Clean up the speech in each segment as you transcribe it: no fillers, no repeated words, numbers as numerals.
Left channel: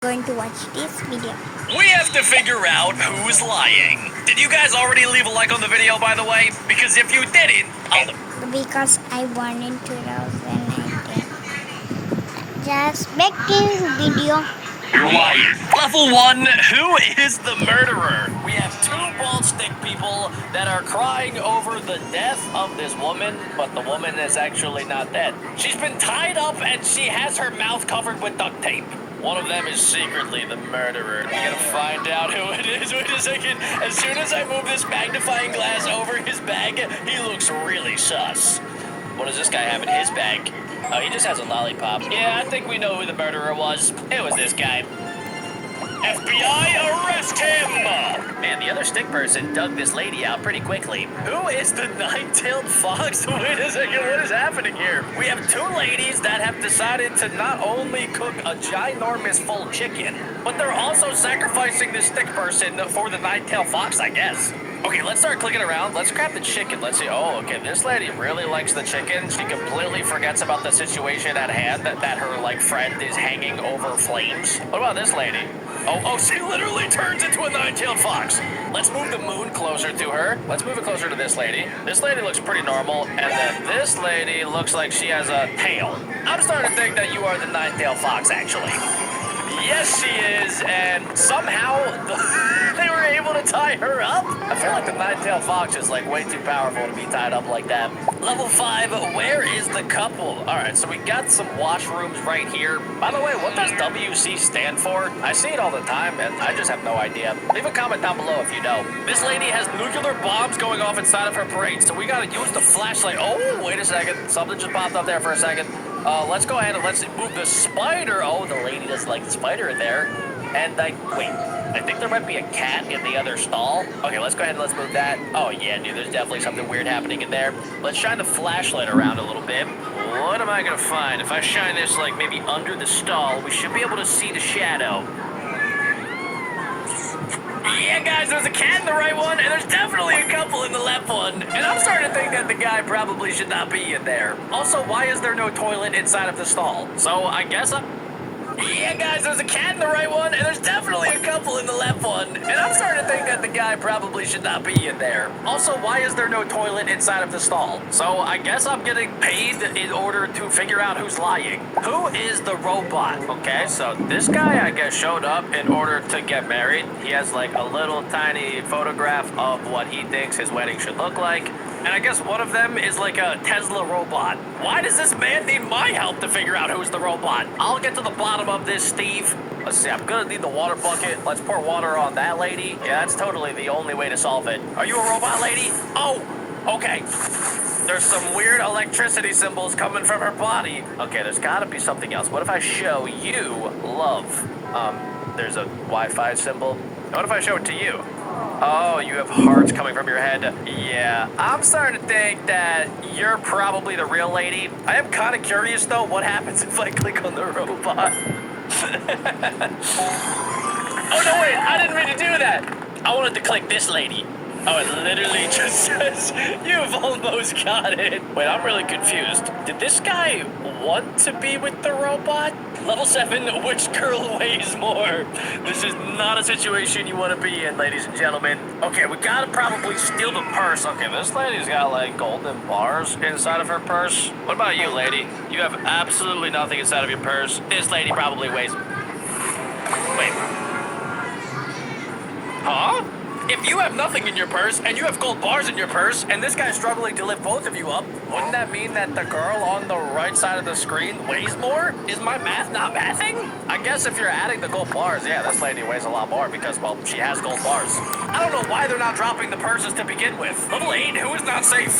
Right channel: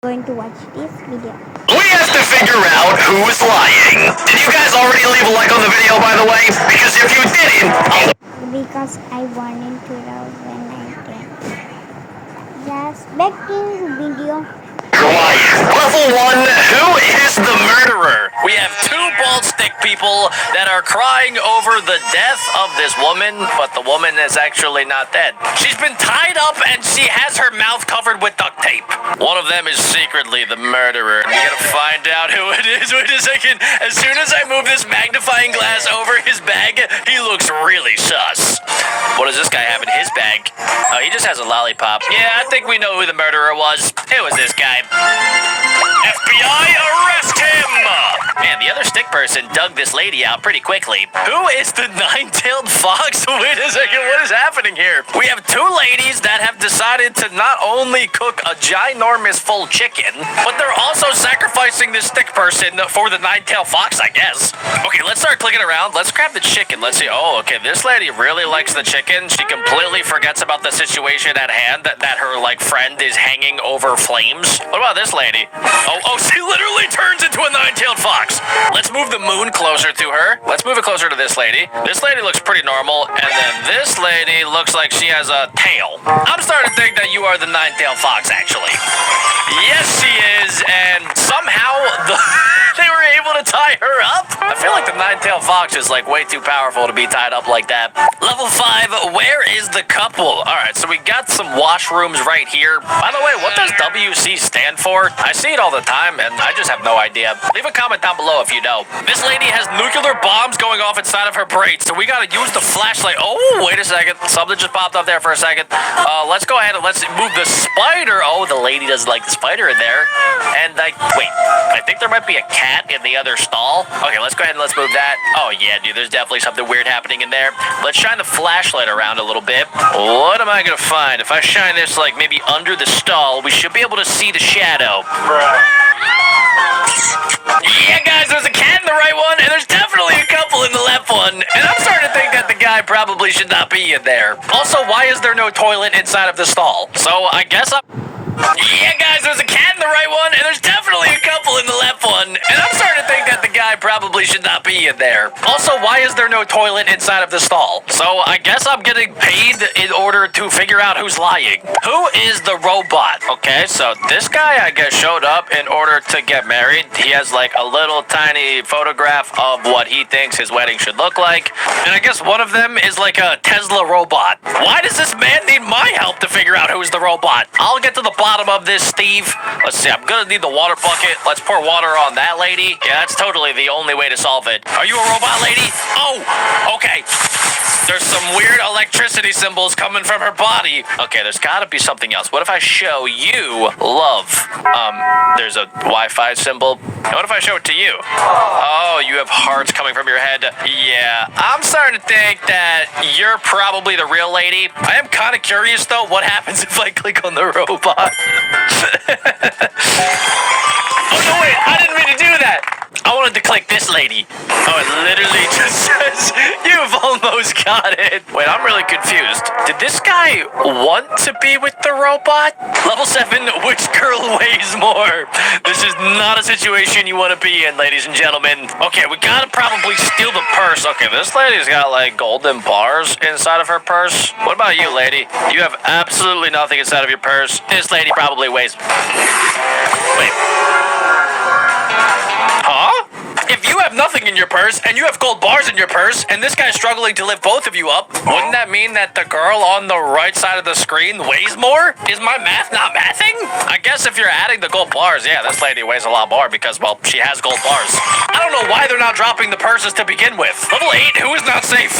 going to watch this video. We have to figure out who is lying. Did you guys already leave a like on the video, by the way? Because if you didn't... Because I won in 2019. Just back to video. Level 1, who is the murderer? We have two bald stick people that are crying over the death of this woman, but the woman is actually not dead. She's been tied up and she has her mouth covered with duct tape. One of them is secretly the murderer. We gotta find out who it is. Wait a second. As soon as I move this magnifying glass over his bag, he looks really sus. What does this guy have in his bag? Oh, he just has a lollipop. Yeah, I think we know who the murderer was. It was this guy. FBI, arrest him! Man, the other stick person dug this lady out pretty quickly. Who is the nine-tailed fox? Wait a second, what is happening here? We have two ladies that have decided to not only cook a ginormous full chicken, but they're also sacrificing this stick person for the nine-tailed fox, I guess. Okay, let's start clicking around. Let's grab the chicken. Let's see. Oh, okay, this lady really likes the chicken. She completely forgets about the situation at hand, that her, friend is hanging over flames. What about this lady? Oh, she literally turns into a nine-tailed fox. Let's move the moon closer to her. Let's move it closer to this lady. This lady looks pretty normal, and then this lady looks like she has a tail. I'm starting to think that you are the nine-tailed fox, actually. Yes, she is, and somehow they were able to tie her up. I feel like the nine-tailed fox is way too powerful to be tied up like that. Level 5, where is the couple? Alright, so we got some washrooms right here. By the way, what does WC stand for? I see it all the time, and I just have no idea. Leave a comment down below if you know. This lady has nuclear bombs going off inside of her brain, so we gotta use the flashlight. Oh, wait a second. Something just popped up there for a second. Let's go ahead and let's move the spider. Oh, the lady doesn't like the spider in there. And wait, I think there might be a cat in the other stall. Okay, let's go ahead and let's move that. Oh, yeah, dude, there's definitely something weird happening in there. Let's shine the flashlight around a little bit. What am I gonna find? If I shine this, maybe under the stall, we should be able to see the shadow. Yeah, guys, there's a cat in the right one, and there's definitely a couple in the left one. And I'm starting to think that the guy probably should not be in there. Also, why is there no toilet inside of the stall? So, I guess Yeah, guys, there's a cat in the right one, and there's definitely a couple in the left one. And I'm starting to think that the guy probably should not be in there. Also, why is there no toilet inside of the stall? So, I guess I'm getting paid in order to figure out who's lying. Who is the robot? Okay, so this guy, I guess, showed up in order to get married. He has, a little tiny photograph of what he thinks his wedding should look like. And I guess one of them is a Tesla robot. Why does this man need my help to figure out who's the robot? I'll get to the bottom of this, Steve. Let's see, I'm gonna need the water bucket. Let's pour water on that lady. Yeah, that's totally the only way to solve it. Are you a robot lady? Oh, okay. There's some weird electricity symbols coming from her body. Okay, there's gotta be something else. What if I show you love? There's a Wi-Fi symbol. What if I show it to you? Oh, you have hearts coming from your head. Yeah, I'm starting to think that you're probably the real lady. I am kind of curious, though, what happens if I click on the robot? Oh, wait, I didn't mean to do that. I wanted to click this lady. Oh, it literally just says, you've almost got it. Wait, I'm really confused. Did this guy want to be with the robot? Level 7, which girl weighs more? This is not a situation you want to be in, ladies and gentlemen. Okay, we gotta probably steal the purse. Okay, this lady's got, golden bars inside of her purse. What about you, lady? You have absolutely nothing inside of your purse. This lady probably weighs... Wait. If you have nothing in your purse, and you have gold bars in your purse, and this guy's struggling to lift both of you up, wouldn't that mean that the girl on the right side of the screen weighs more? Is my math not mathing? I guess if you're adding the gold bars, yeah, this lady weighs a lot more because, well, she has gold bars. I don't know why they're not dropping the purses to begin with. Level 8, who is not safe?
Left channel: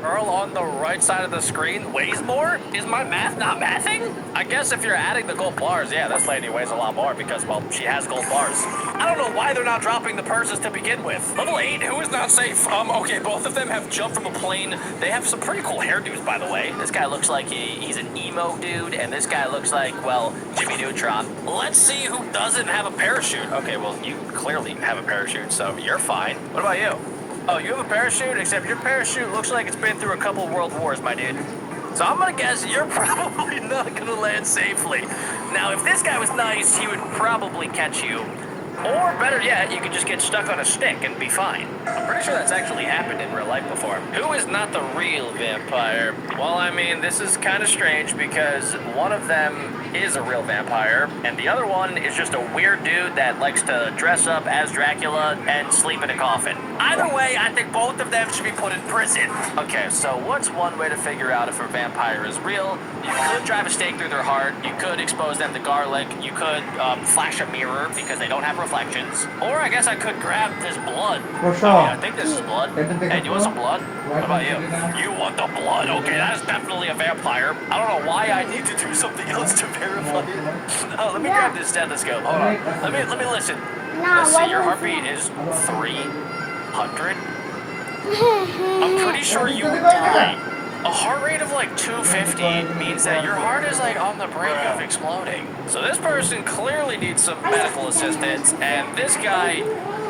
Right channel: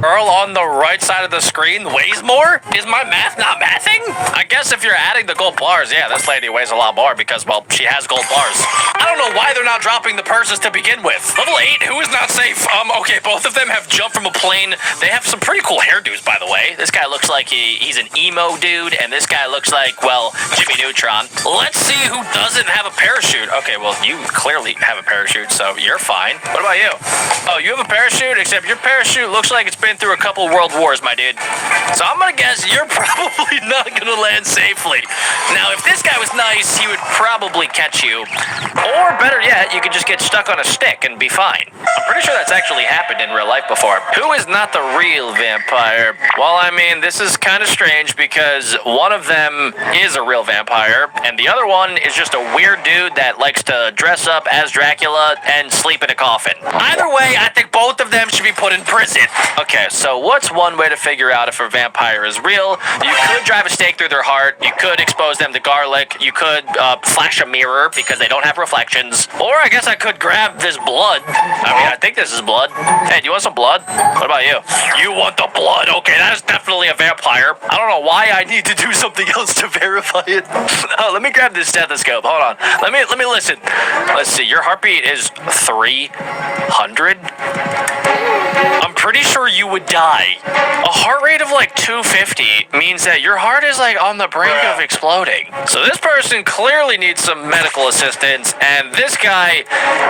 Girl on the right side of the screen weighs more? Is my math not mathing? I guess if you're adding the gold bars, yeah, this lady weighs a lot more because, well, she has gold bars. I don't know why they're not dropping the purses to begin with. Level 8, who is not safe? Okay, both of them have jumped from a plane. They have some pretty cool hairdos, by the way. This guy looks like he's an emo dude, and this guy looks like, well, Jimmy Neutron. Let's see who doesn't have a parachute. Okay, well, you clearly have a parachute, so you're fine. What about you? Oh, you have a parachute, except your parachute looks like it's been through a couple world wars, my dude. So I'm gonna guess you're probably not gonna land safely. Now, if this guy was nice, he would probably catch you. Or better yet, you could just get stuck on a stick and be fine. I'm pretty sure that's actually happened in real life before. Who is not the real vampire? Well, I mean, this is kind of strange because one of them is a real vampire, and the other one is just a weird dude that likes to dress up as Dracula and sleep in a coffin. Either way, I think both of them should be put in prison. Okay, so what's one way to figure out if a vampire is real? You could drive a stake through their heart. You could expose them to garlic. You could flash a mirror because they don't have reflections. Or I guess I could grab this blood. I mean, I think this is blood. Hey, do you want some blood? What about you? You want the blood? Okay, that is definitely a vampire. I don't know why I need to do something else to verify it. Let me grab this stethoscope. Hold on. Let me listen. Let's see. Your heartbeat is 300. I'm pretty sure you would die. A heart rate of like 250 means that your heart is like on the brink of exploding. So this person clearly needs some medical assistance, and this guy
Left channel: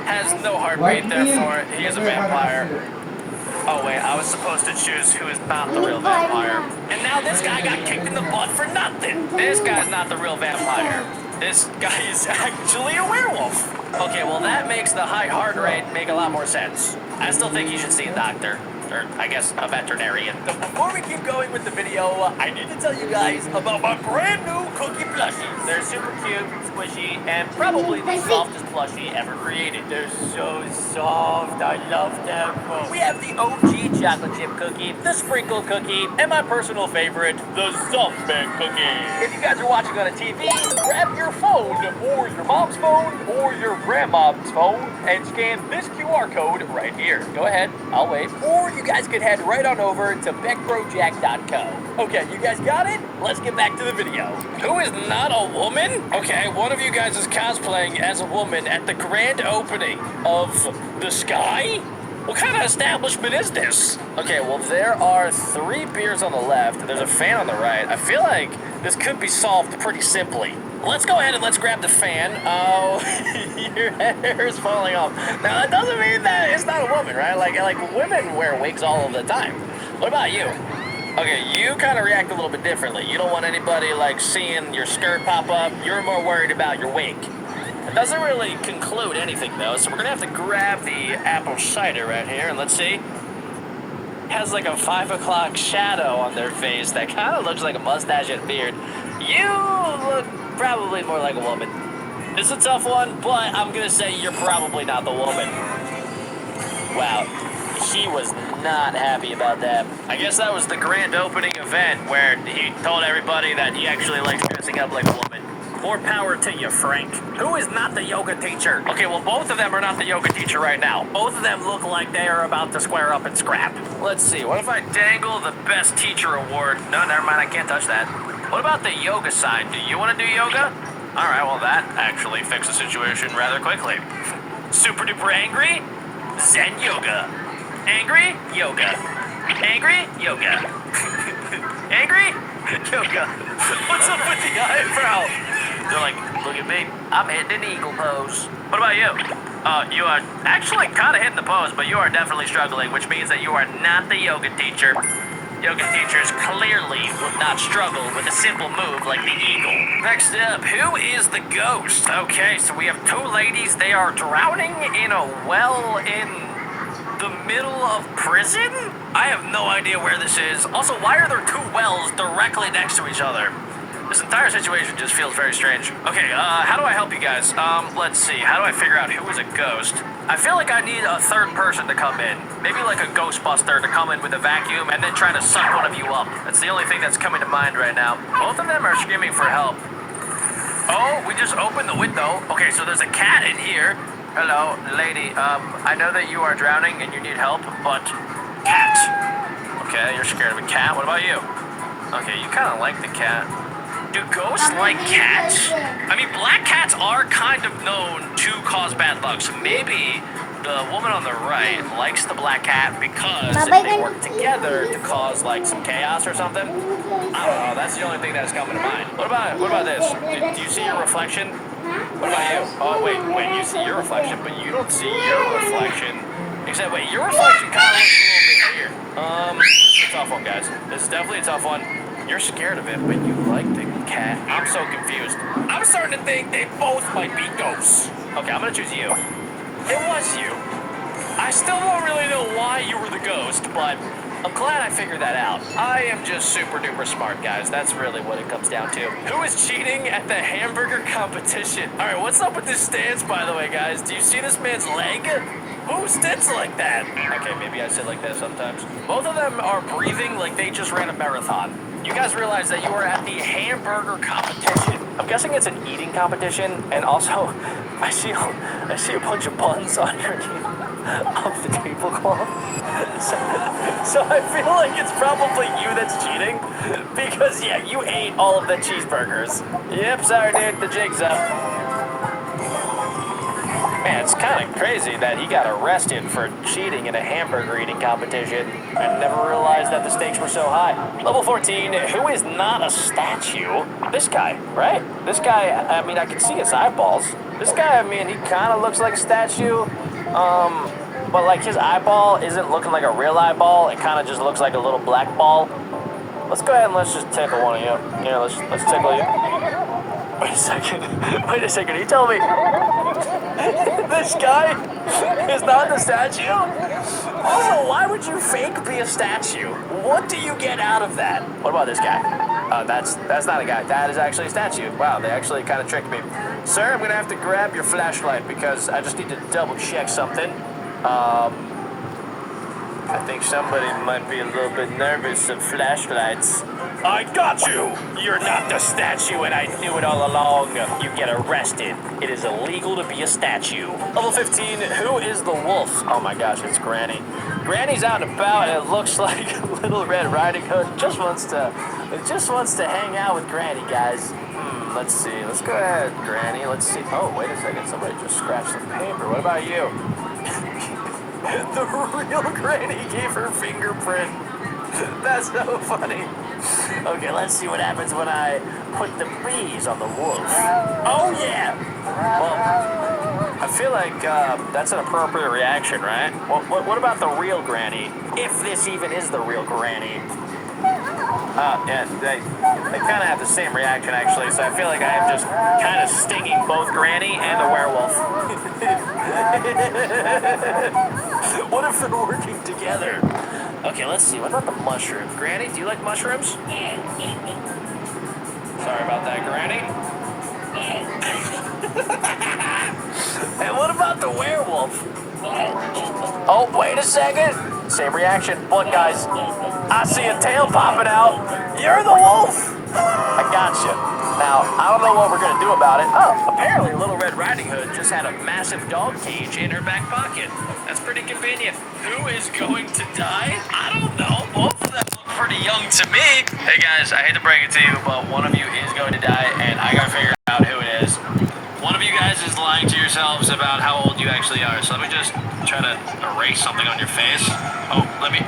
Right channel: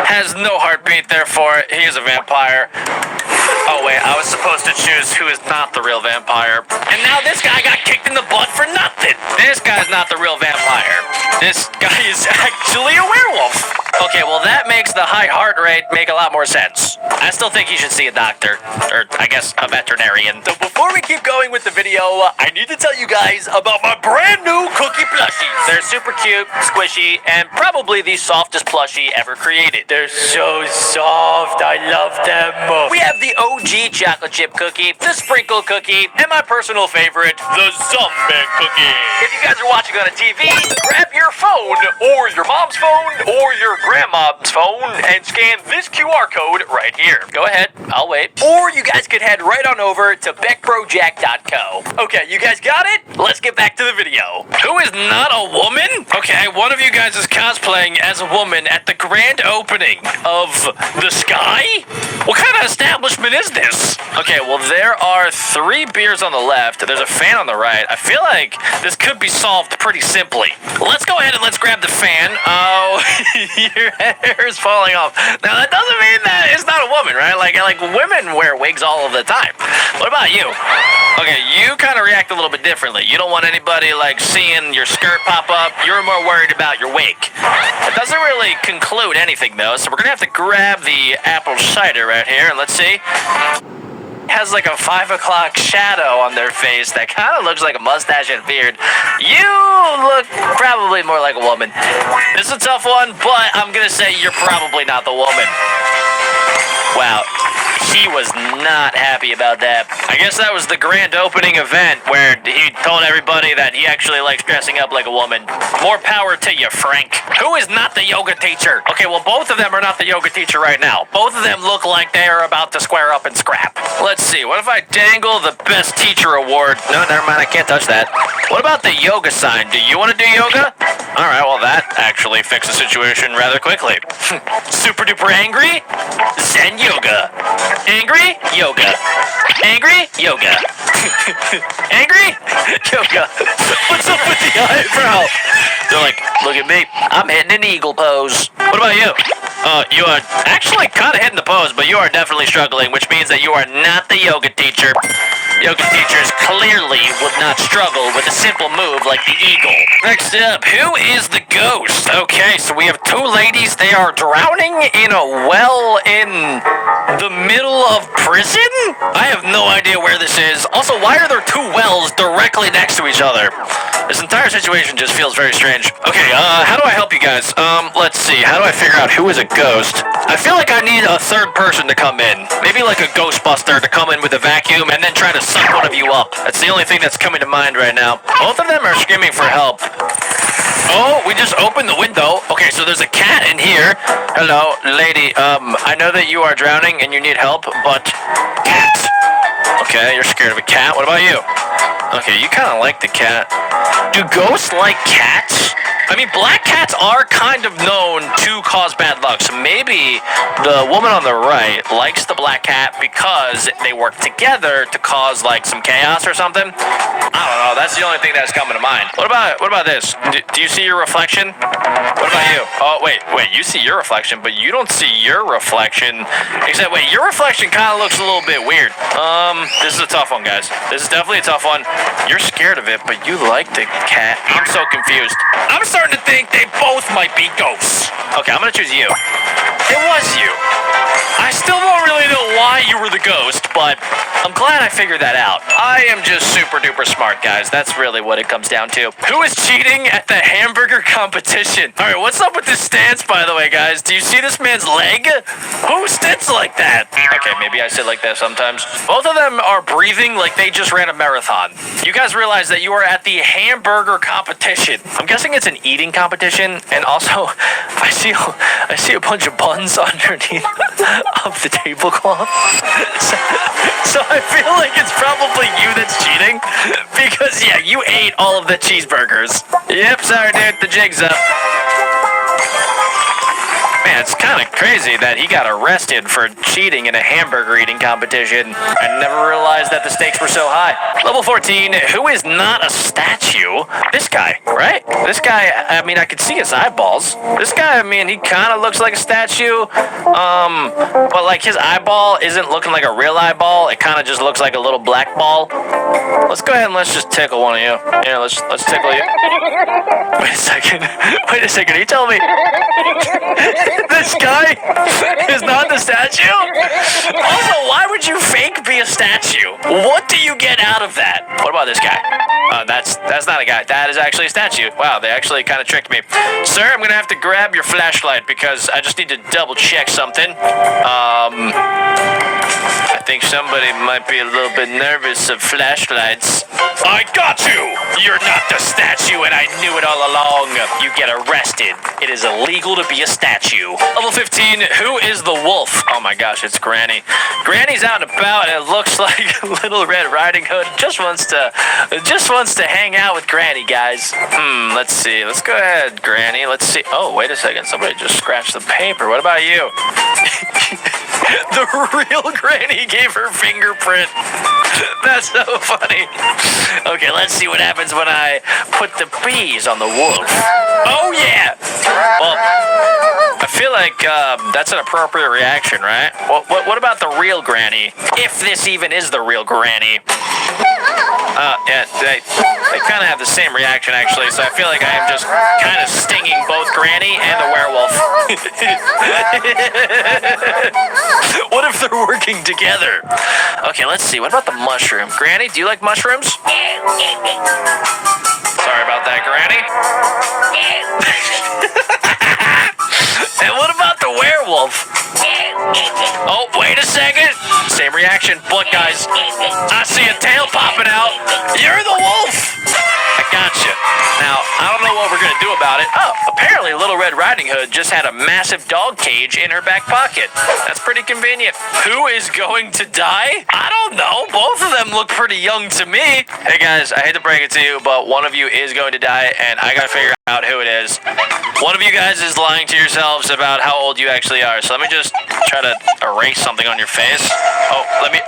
has no heartbeat, therefore he is a vampire. Oh wait, I was supposed to choose who is not the real vampire. And now this guy got kicked in the butt for nothing. This guy's not the real vampire. This guy is actually a werewolf. Okay, well that makes the high heart rate make a lot more sense. I still think you should see a doctor, or I guess a veterinarian. So before we keep going with the video, I need to tell you guys about my brand new cookie plushies. They're super cute, squishy, and probably the softest plushie ever created. They're so soft, I love them. We have the OG chocolate chip cookie, the sprinkle cookie, and my personal favorite, the Zumpman cookie. If you guys are watching on a TV, grab your phone, or your mom's phone, or your grandma's phone, and scan this QR code right here. Go ahead, I'll wait. Or you guys can head right on over to BeckBroJack.co. Okay, you guys got it? Let's get back to the video. Who is not a woman? Okay, one of you guys is cosplaying as a woman at the grand opening of The Sky? What kind of establishment is this? Okay, well, there are 3 beers on the left. There's a fan on the right. I feel like this could be solved pretty simply. Let's go ahead and let's grab the fan. Oh, your hair is falling off. Now, that doesn't mean that it's not a woman, right? Like women wear wigs all of the time. What about you? Okay, you kind of react a little bit differently. You don't want anybody, like, seeing your skirt pop up. You're more worried about your wig. It doesn't really conclude anything, though, so we're gonna have to grab the apple cider right here, and let's see. Has like a 5 o'clock shadow on their face that kind of looks like a mustache and beard. You look probably more like a woman. This is a tough one, but I'm gonna say you're probably not the woman. Wow, he was not happy about that. I guess that was the grand opening event where he told everybody that he actually likes dressing up like a woman. More power to you, Frank. Who is not the yoga teacher? Okay, well, both of them are not the yoga teacher right now. Both of them look like they are about to square up and scrap. Let's see, what if I dangle the best teacher award? No, never mind, I can't touch that. What about the yoga sign? Do you want to do yoga? All right, well, that actually fixed the situation rather quickly. Super duper angry? Zen yoga. Angry? Yoga. Angry? Yoga. Angry? Yoga. What's up with the eyebrow? They're like, look at me. I'm hitting an eagle pose. What about you? You are actually kind of hitting the pose, but you are definitely struggling, which means that you are not the yoga teacher. Yoga teachers clearly would not struggle with a simple move like the eagle. Next up, who is the ghost? Okay, so we have 2 ladies. They are drowning in a well in the middle of prison? I have no idea where this is. Also, why are there 2 wells directly next to each other? This entire situation just feels very strange. Okay, how do I help you guys? Let's see. How do I figure out who is a ghost? I feel like I need a 3rd person to come in. Maybe like a Ghostbuster to come in with a vacuum and then try to suck one of you up. That's the only thing that's coming to mind right now. Both of them are screaming for help. Oh, we just opened the window. Okay, so there's a cat in here. Hello, lady. I know that you are drowning and you need help, but cat. Okay, you're scared of a cat. What about you? Okay, you kind of like the cat. Do ghosts like cats? I mean, black cats are kind of known to cause bad luck. So maybe the woman on the right likes the black cat because they work together to cause like some chaos or something. I don't know. That's the only thing that's coming to mind. What about this? Do you see your reflection? What about you? Oh, wait. You see your reflection, but you don't see your reflection. Except, wait, your reflection kind of looks a little bit weird. This is a tough one, guys. This is definitely a tough one. You're scared of it, but you like the cat. I'm so confused. I'm starting to think they both might be ghosts. Okay, I'm gonna choose you. It was you. I still don't really know why you were the ghost, but I'm glad I figured that out. I am just super duper smart, guys. That's really what it comes down to. Who is cheating at the hamburger competition? All right, what's up with this stance, by the way, guys? Do you see this man's leg? Who sits like that? Okay, maybe I sit like that sometimes. Both of them are breathing like they just ran a marathon. You guys realize that you are at the hamburger competition. I'm guessing it's an eating competition, and also I see a bunch of buns underneath of the tablecloth. So I feel like it's probably you that's cheating because yeah, you ate all of the cheeseburgers. Yep, sorry dude, the jig's up. Man, it's kind of crazy that he got arrested for cheating in a hamburger eating competition. I never realized that the stakes were so high. Level 14, who is not a statue? This guy, right? This guy, I mean, I can see his eyeballs. This guy, I mean, he kind of looks like a statue. But like his eyeball isn't looking like a real eyeball. It kind of just looks like a little black ball. Let's go ahead and let's just tickle one of you. Yeah, let's tickle you. Wait a second. Are you telling me this guy is not the statue? Also, why would you fake be a statue? What do you get out of that? What about this guy? That's not a guy. That is actually a statue. Wow, they actually kind of tricked me. Sir, I'm gonna have to grab your flashlight because I just need to double check something. I think somebody might be a little bit nervous of flashlights. I got you! You're not the statue and I knew it all along. You get arrested. It is illegal to be a statue. Level 15, who is the wolf? Oh my gosh, it's Granny. Granny's out and about and it looks like Little Red Riding Hood just wants to hang out with Granny, guys. Let's see. Let's go ahead, Granny. Let's see. Oh, wait a second. Somebody just scratched the paper. What about you? The real Granny gave her fingerprint. That's so funny. Okay, let's see what happens when I put the bees on the wolf. Oh, yeah. Well, I feel like that's an appropriate reaction, right? What about the real Granny? If this even is the real Granny. Yeah, they kind of have the same reaction, actually, so I feel like I am just kind of stinging both Granny and the werewolf. What if they're working together? Okay, let's see. What about the mushroom? Granny, do you like mushrooms? Sorry about that, Granny. And what about the werewolf? Oh, wait a second. Same reaction. Look, guys. I see a tail popping out. You're the wolf. I gotcha. Now, I don't know what we're going to do about it. Oh, apparently Little Red Riding Hood just had a massive dog cage in her back pocket. That's pretty convenient. Who is going to die? I don't know. Both of them look pretty young to me. Hey, guys, I hate to break it to you, but one of you is going to die, and I got to figure out who it is. One of you guys is lying to yourselves about how old you actually are, so let me just try to erase something on your face. Oh, let me...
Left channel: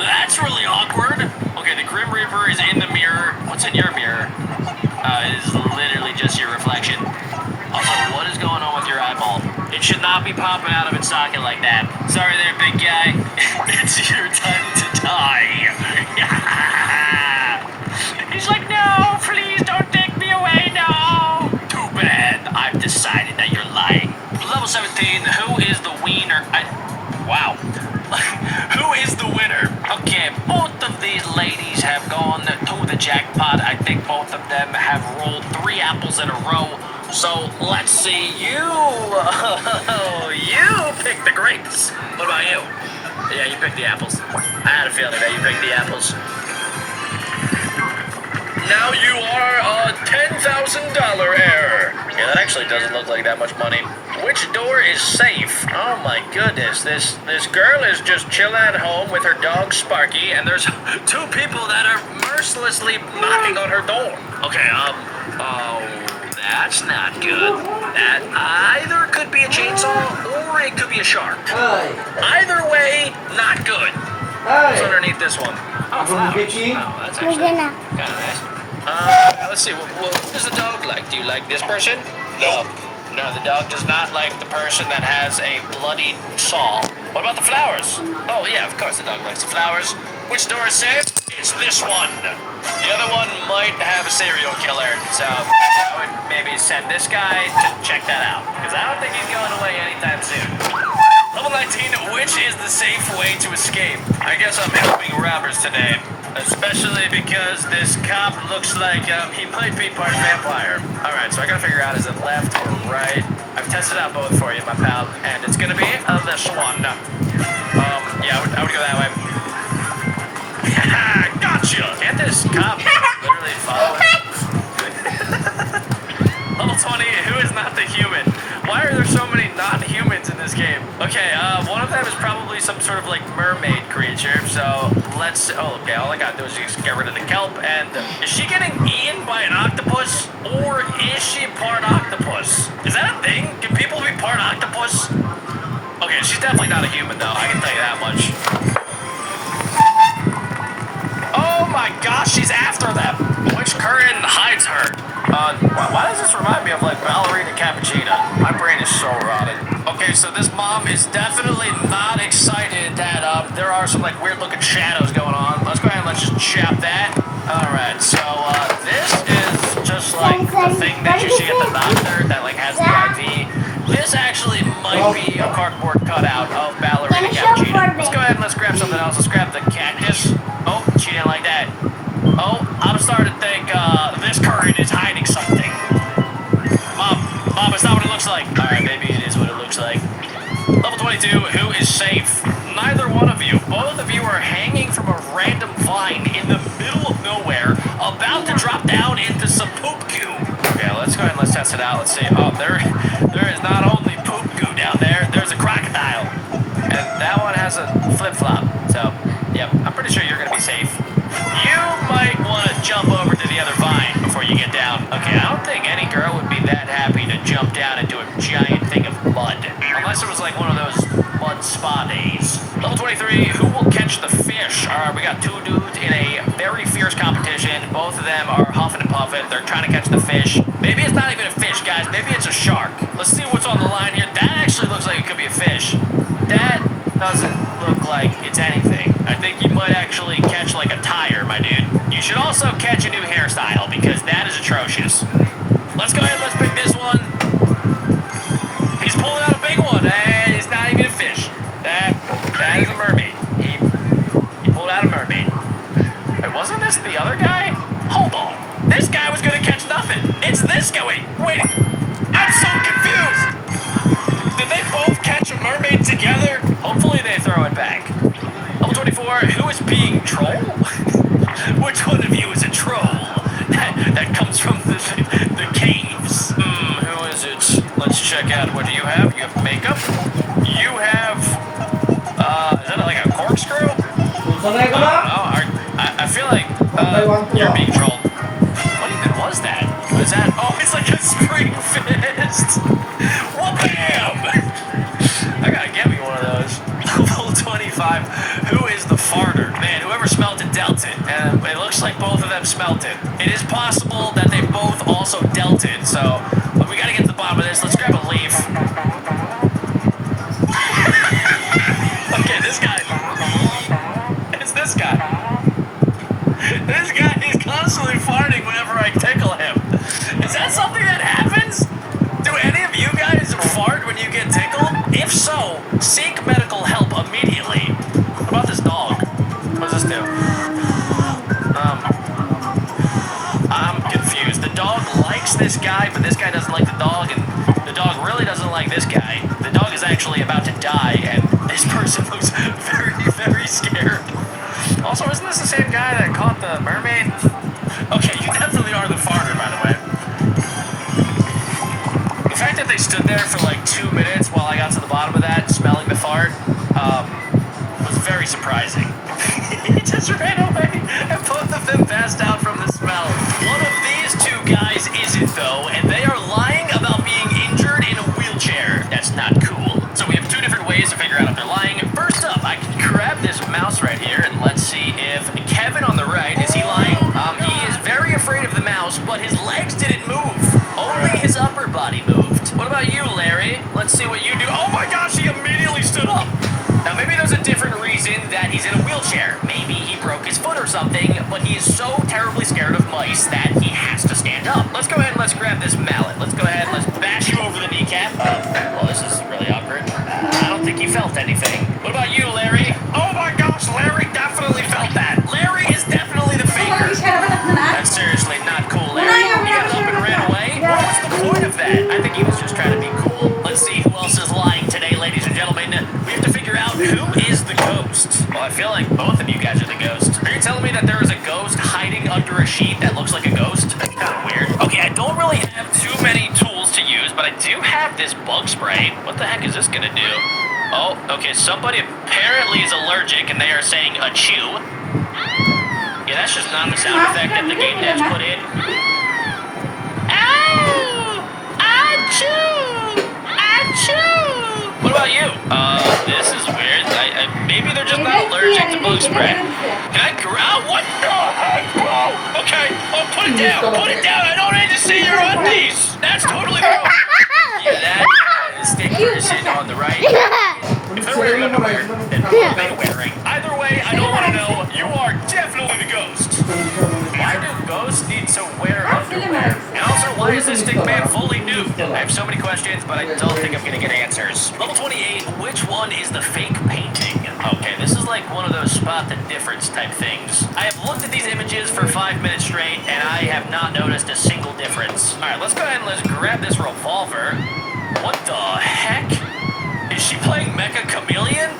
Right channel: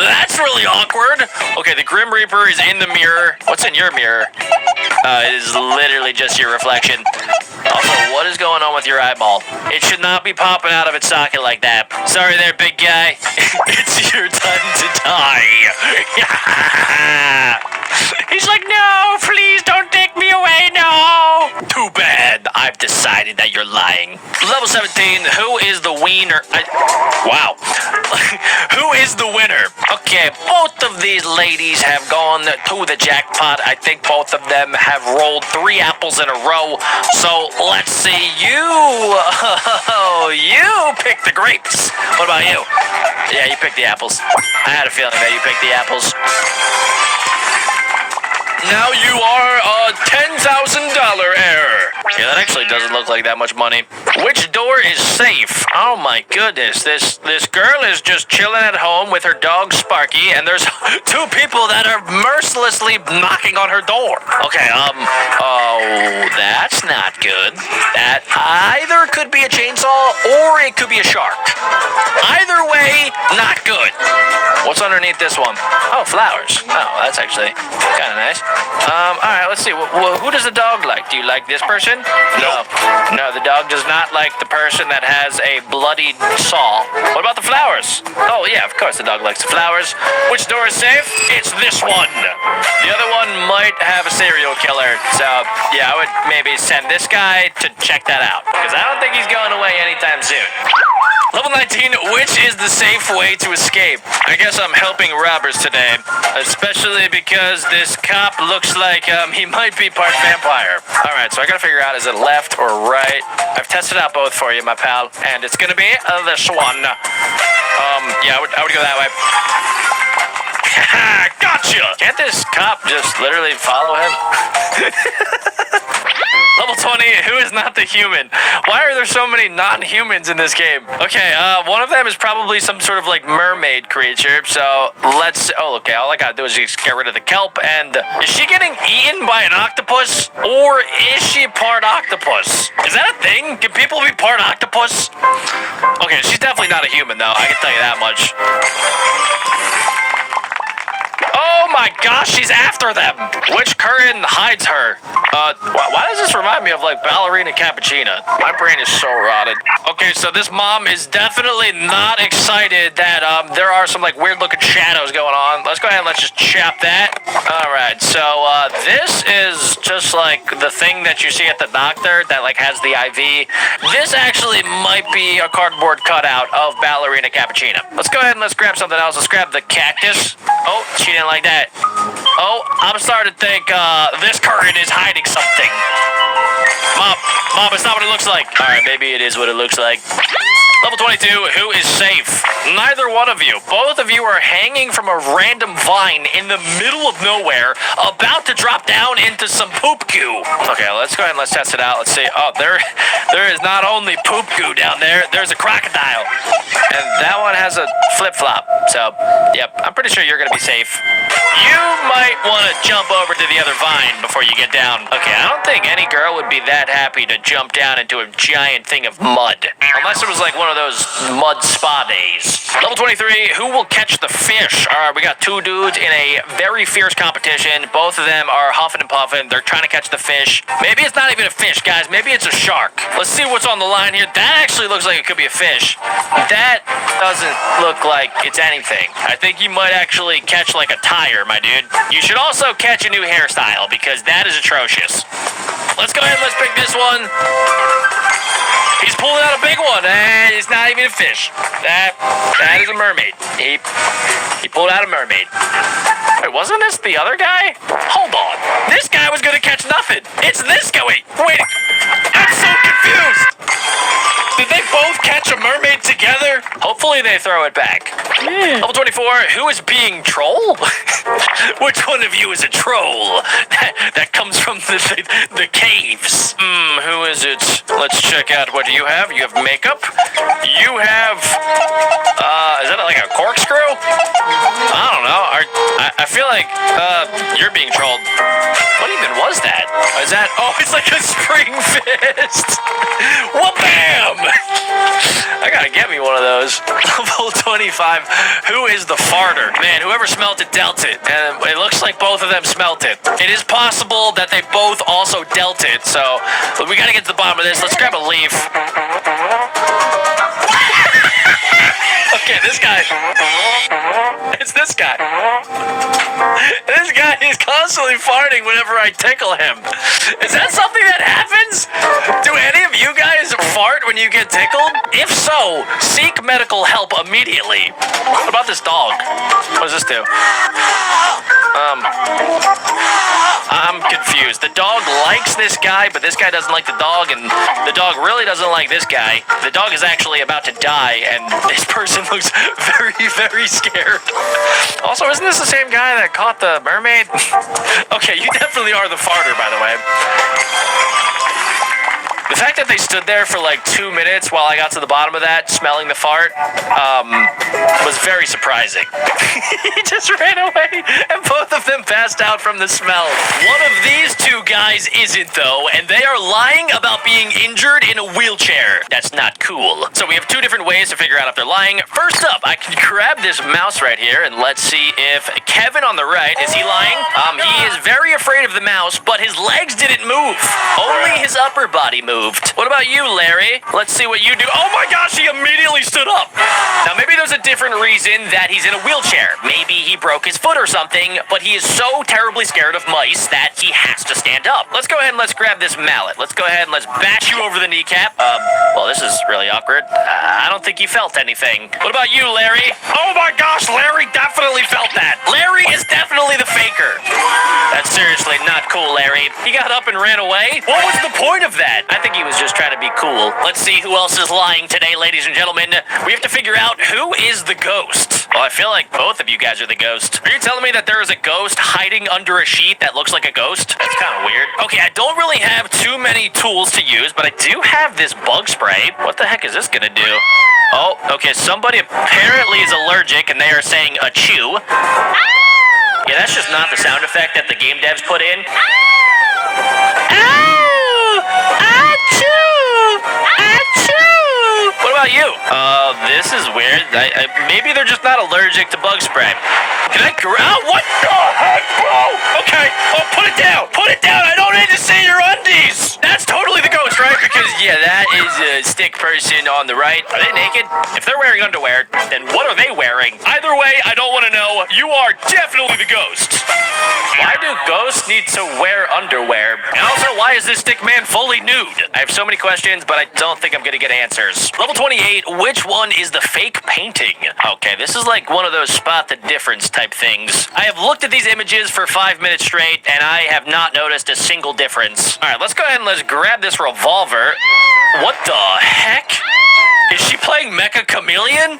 That's really awkward. Okay, the Grim Reaper is in the mirror. What's in your mirror? It is literally just your reflection. Also, what is going on with your eyeball? It should not be popping out of its socket like that. Sorry there, big guy. It's your time to die. He's like, no, please don't take me away, no. Too bad. I've decided that you're lying. Level 17, who is the wiener? Wow. Who is the winner? Okay, both of these ladies have gone to the jackpot. I think both of them have rolled 3 apples in a row. So let's see. You picked the grapes. What about you? Yeah, you picked the apples. I had a feeling that you picked the apples. Now you are a $10,000 heir. Yeah, that actually doesn't look like that much money. Which door is safe? Oh my goodness, this girl is just chilling at home with her dog Sparky, and there's two people that are mercilessly knocking on her door. Okay, oh, that's not good. That either could be a chainsaw or it could be a shark. Either way, not good. What's underneath this one? Oh, flowers. Oh, that's actually kind of nice. All right, let's see. Who does the dog like? Do you like this person? No. No, the dog does not like the person that has a bloody saw. What about the flowers? Oh, yeah, of course the dog likes the flowers. Which door is safe? It's this one. The other one might have a serial killer. So, yeah, I would maybe send this guy to check that out. Because I don't think he's going away anytime soon. Level 19, which is the safe way to escape? I guess I'm helping robbers today. Especially because this cop looks like he might be part vampire. Alright, so I gotta figure out, is it left or right? I've tested out both for you, my pal. And it's gonna be this one. Yeah, I would go that way. Gotcha! Can't this cop just literally follow him? Level 20, who is not the human? Why are there so many non-humans in this game? Okay, one of them is probably some sort of like mermaid creature, so let's, oh, okay, all I gotta do is just get rid of the kelp, and is she getting eaten by an octopus, or is she part octopus? Is that a thing? Can people be part octopus? Okay, she's definitely not a human though, I can tell you that much. Oh my gosh, she's after them! Which current hides her? Why does this remind me of like Ballerina Cappuccina? My brain is so rotted. Okay, so this mom is definitely not excited that there are some like weird looking shadows going on. Let's go ahead and let's just chop that. Alright, so this is just like the thing that you see at the doctor that like has the IV. This actually might be a cardboard cutout of Ballerina Cappuccina. Let's go ahead and let's grab something else. Let's grab the cactus. Oh, she didn't like that. Oh, I'm starting to think this current is hiding something. Mom, it's not what it looks like. Alright, maybe it is what it looks like. Level 22, who is safe? Neither one of you. Both of you are hanging from a random vine in the middle of nowhere, about to drop down into some poop goo. Okay, let's go ahead and let's test it out. Let's see. Oh, there is not only poop goo down there, there's a crocodile. And that one has a flip-flop. So, yep, I'm pretty sure you're going to be safe. You might want to jump over to the other vine before you get down. Okay, I don't think any girl would be that happy to jump down into a giant thing of mud. Unless it was like one of those mud spa days. Level 23, who will catch the fish? Alright, we got two dudes in a very fierce competition. Both of them are huffing and puffing. They're trying to catch the fish. Maybe it's not even a fish, guys. Maybe it's a shark. Let's see what's on the line here. That actually looks like it could be a fish. That doesn't look like it's anything. I think you might actually catch like a tire, my dude. You should also catch a new hairstyle because that is atrocious. Let's go ahead and let's pick this one. He's pulling out a big one, and it's not even a fish. That is a mermaid. He pulled out a mermaid. Wait, wasn't this the other guy? Hold on. This guy was gonna catch nothing. It's this guy. Wait. I'm so confused. Did they both catch a mermaid together? Hopefully they throw it back. Level 24, who is being troll? Which one of you is a troll? That comes from the caves. Who is it? Let's check out. What do you have? You have makeup. You have, is that like a corkscrew? I don't know. I feel like, you're being trolled. What even was that? Is that, oh, it's like a spring fist. Wha-bam! I gotta get me one of those. Level 25. Who is the farter? Man, whoever smelt it dealt it. And it looks like both of them smelt it. It is possible that they both also dealt it. So, but we gotta get to the bottom of this. Let's grab a leaf. Okay, this guy. It's this guy. This guy is constantly farting whenever I tickle him. Is that something that happens? Do any of you guys fart when you get tickled? If so, seek medical help immediately. What about this dog? What does this do? I'm confused. The dog likes this guy, but this guy doesn't like the dog, and the dog really doesn't like this guy. The dog is actually about to die, and this person looks very, very scared. Also, isn't this the same guy that caught the mermaid? Okay, you definitely are the farter, by the way. stood there for like 2 minutes while I got to the bottom of that, smelling the fart. Was very surprising. He just ran away, and both of them passed out from the smell. One of these two guys isn't, though, and they are lying about being injured in a wheelchair. That's not cool. So we have two different ways to figure out if they're lying. First up, I can grab this mouse right here, and let's see if Kevin on the right, is he lying? He is very afraid of the mouse, but his legs didn't move. Only his upper body moved. What about you, Larry? Let's see what you do. Oh my gosh, he immediately stood up. Now, maybe there's a different reason that he's in a wheelchair. Maybe he broke his foot or something, but he is so terribly scared of mice that he has to stand up. Let's go ahead and let's grab this mallet. Let's go ahead and let's bash you over the kneecap. Well, this is really awkward. I don't think he felt anything. What about you, Larry? Oh my gosh, Larry definitely felt that. Larry is definitely the faker. That's seriously not cool, Larry. He got up and ran away. What was the point of that? I think he was just trying to be cool. Let's see who else is lying today, ladies and gentlemen. We have to figure out who is the ghost. Well, I feel like both of you guys are the ghost. Are you telling me that there is a ghost hiding under a sheet that looks like a ghost? That's kind of weird. Okay, I don't really have too many tools to use, but I do have this bug spray. What the heck is this gonna do? Oh, okay, somebody apparently is allergic and they are saying achoo. Yeah, that's just not the sound effect that the game devs put in. What about you? This is weird. Maybe they're just not allergic to bug spray. Can I grab? What the heck, bro? Okay, put it down. Put it down. I don't need to see your undies. That's totally the ghost, right? Because, yeah, that is a stick person on the right. Are they naked? If they're wearing underwear, then what are they wearing? Either way, I don't want to know. You are definitely the ghost. Why do ghosts need to wear underwear? And also, why is this stick man fully nude? I have so many questions, but I don't think I'm gonna get answers. Level 28, which one is the fake painting? Okay, this is like one of those spot the difference type things. I have looked at these images for 5 minutes straight, and I have not noticed a single difference. All right, let's go ahead and let's grab this revolver. What the heck? Is she playing Mecha Chameleon?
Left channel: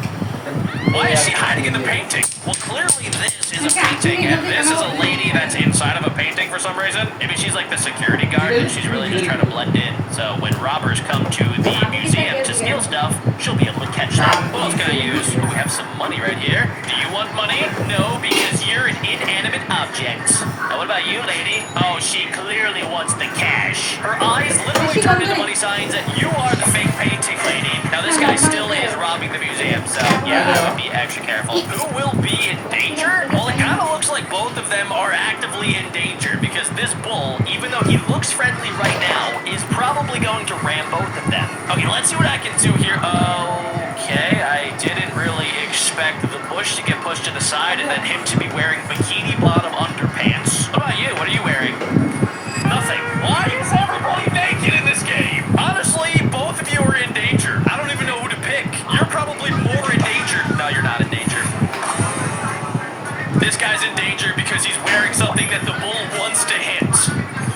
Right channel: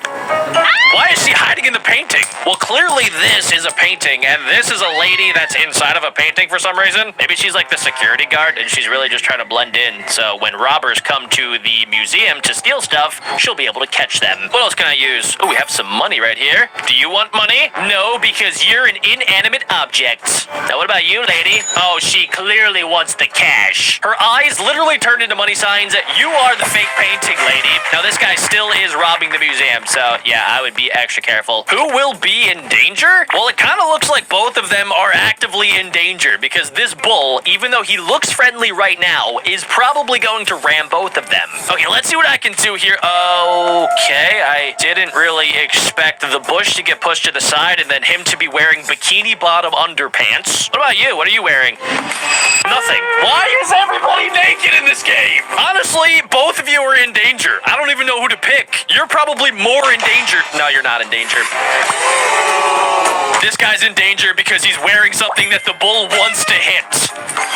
Why is she hiding in the painting? Well, clearly this is a painting, and this is a lady that's inside of a painting for some reason. Maybe she's like the security guard, and she's really just trying to blend in. So when robbers come to the museum to steal stuff, she'll be able to catch them. What else can I use? Oh, we have some money right here. Do you want money? No, because you're an inanimate object. Now, what about you, lady? Oh, she clearly wants the cash. Her eyes literally turned into money signs. You are the fake painting lady. Now, this guy still is robbing the museum, so yeah, I would be extra careful. Who will be in danger? Well, it kind of looks like both of them are actively in danger because this bull, even though he looks friendly right now, is probably going to ram both of them. Okay, let's see what I can do here. Okay, I didn't really expect the bush to get pushed to the side and then him to be wearing bikini bottom underpants. What about you? What are you wearing? Nothing. Why is everybody naked in this game? Honestly, both of you are in danger. I don't even know who to pick. You're probably more in danger. No, you're not in danger. This guy's in danger because he's wearing something that the bull wants to hit.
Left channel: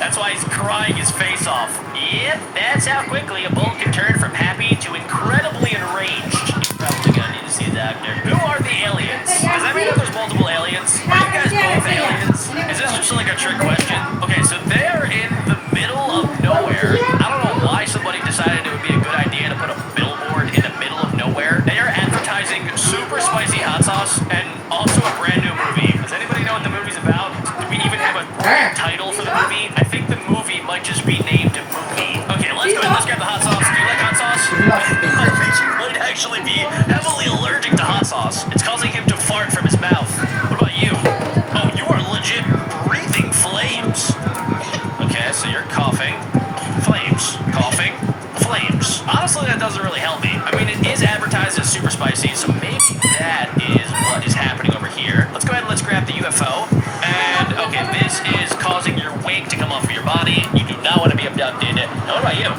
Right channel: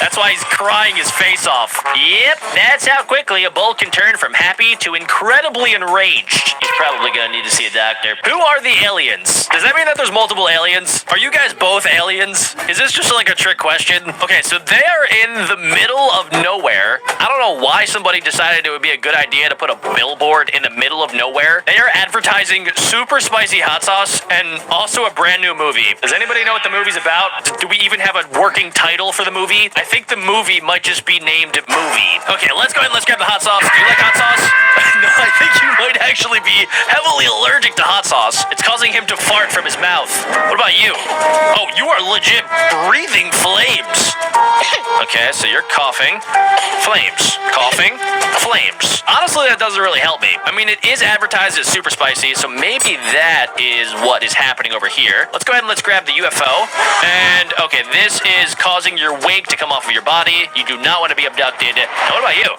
That's why he's crying his face off. Yep, that's how quickly a bull can turn from happy to incredibly enraged. He's probably gonna need to see a doctor. Who are the aliens? Does that mean that there's multiple aliens? Are you guys both aliens? Is this just like a trick question? Okay, so they are in the middle of nowhere. I don't know why somebody decided it would be a good idea to put a billboard in the middle of nowhere. They are advertising super spicy hot sauce and also a brand new movie. Does anybody know what the movie's about? Do we even have a working title for the movie? I think the movie might just be named Movie. Okay, let's go ahead and let's grab the hot sauce. Do you like hot sauce? I think you might actually be heavily allergic to hot sauce. It's causing him to fart from his mouth. What about you? Oh, you are legit breathing flames. Okay, so you're coughing. Flames. Coughing. Flames. Honestly, that doesn't really help me. I mean, it is advertised as super spicy, so maybe that is what is happening over here. Let's go ahead and let's grab the UFO. And, okay, this is causing your wig to come off of your body. You do not want to be abducted. Now, what about you?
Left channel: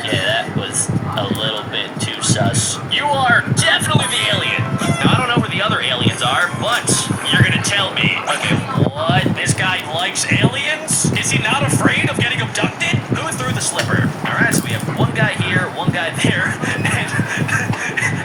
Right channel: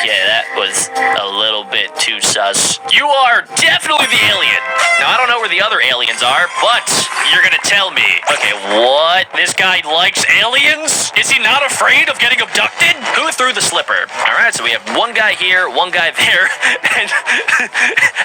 Okay, that was a little bit too sus. You are definitely the alien. Now, I don't know where the other aliens are, but you're gonna tell me. Okay, what? This guy likes aliens? Is he not afraid of getting abducted? Who threw the slipper? All right, so we have one guy here, one guy there, and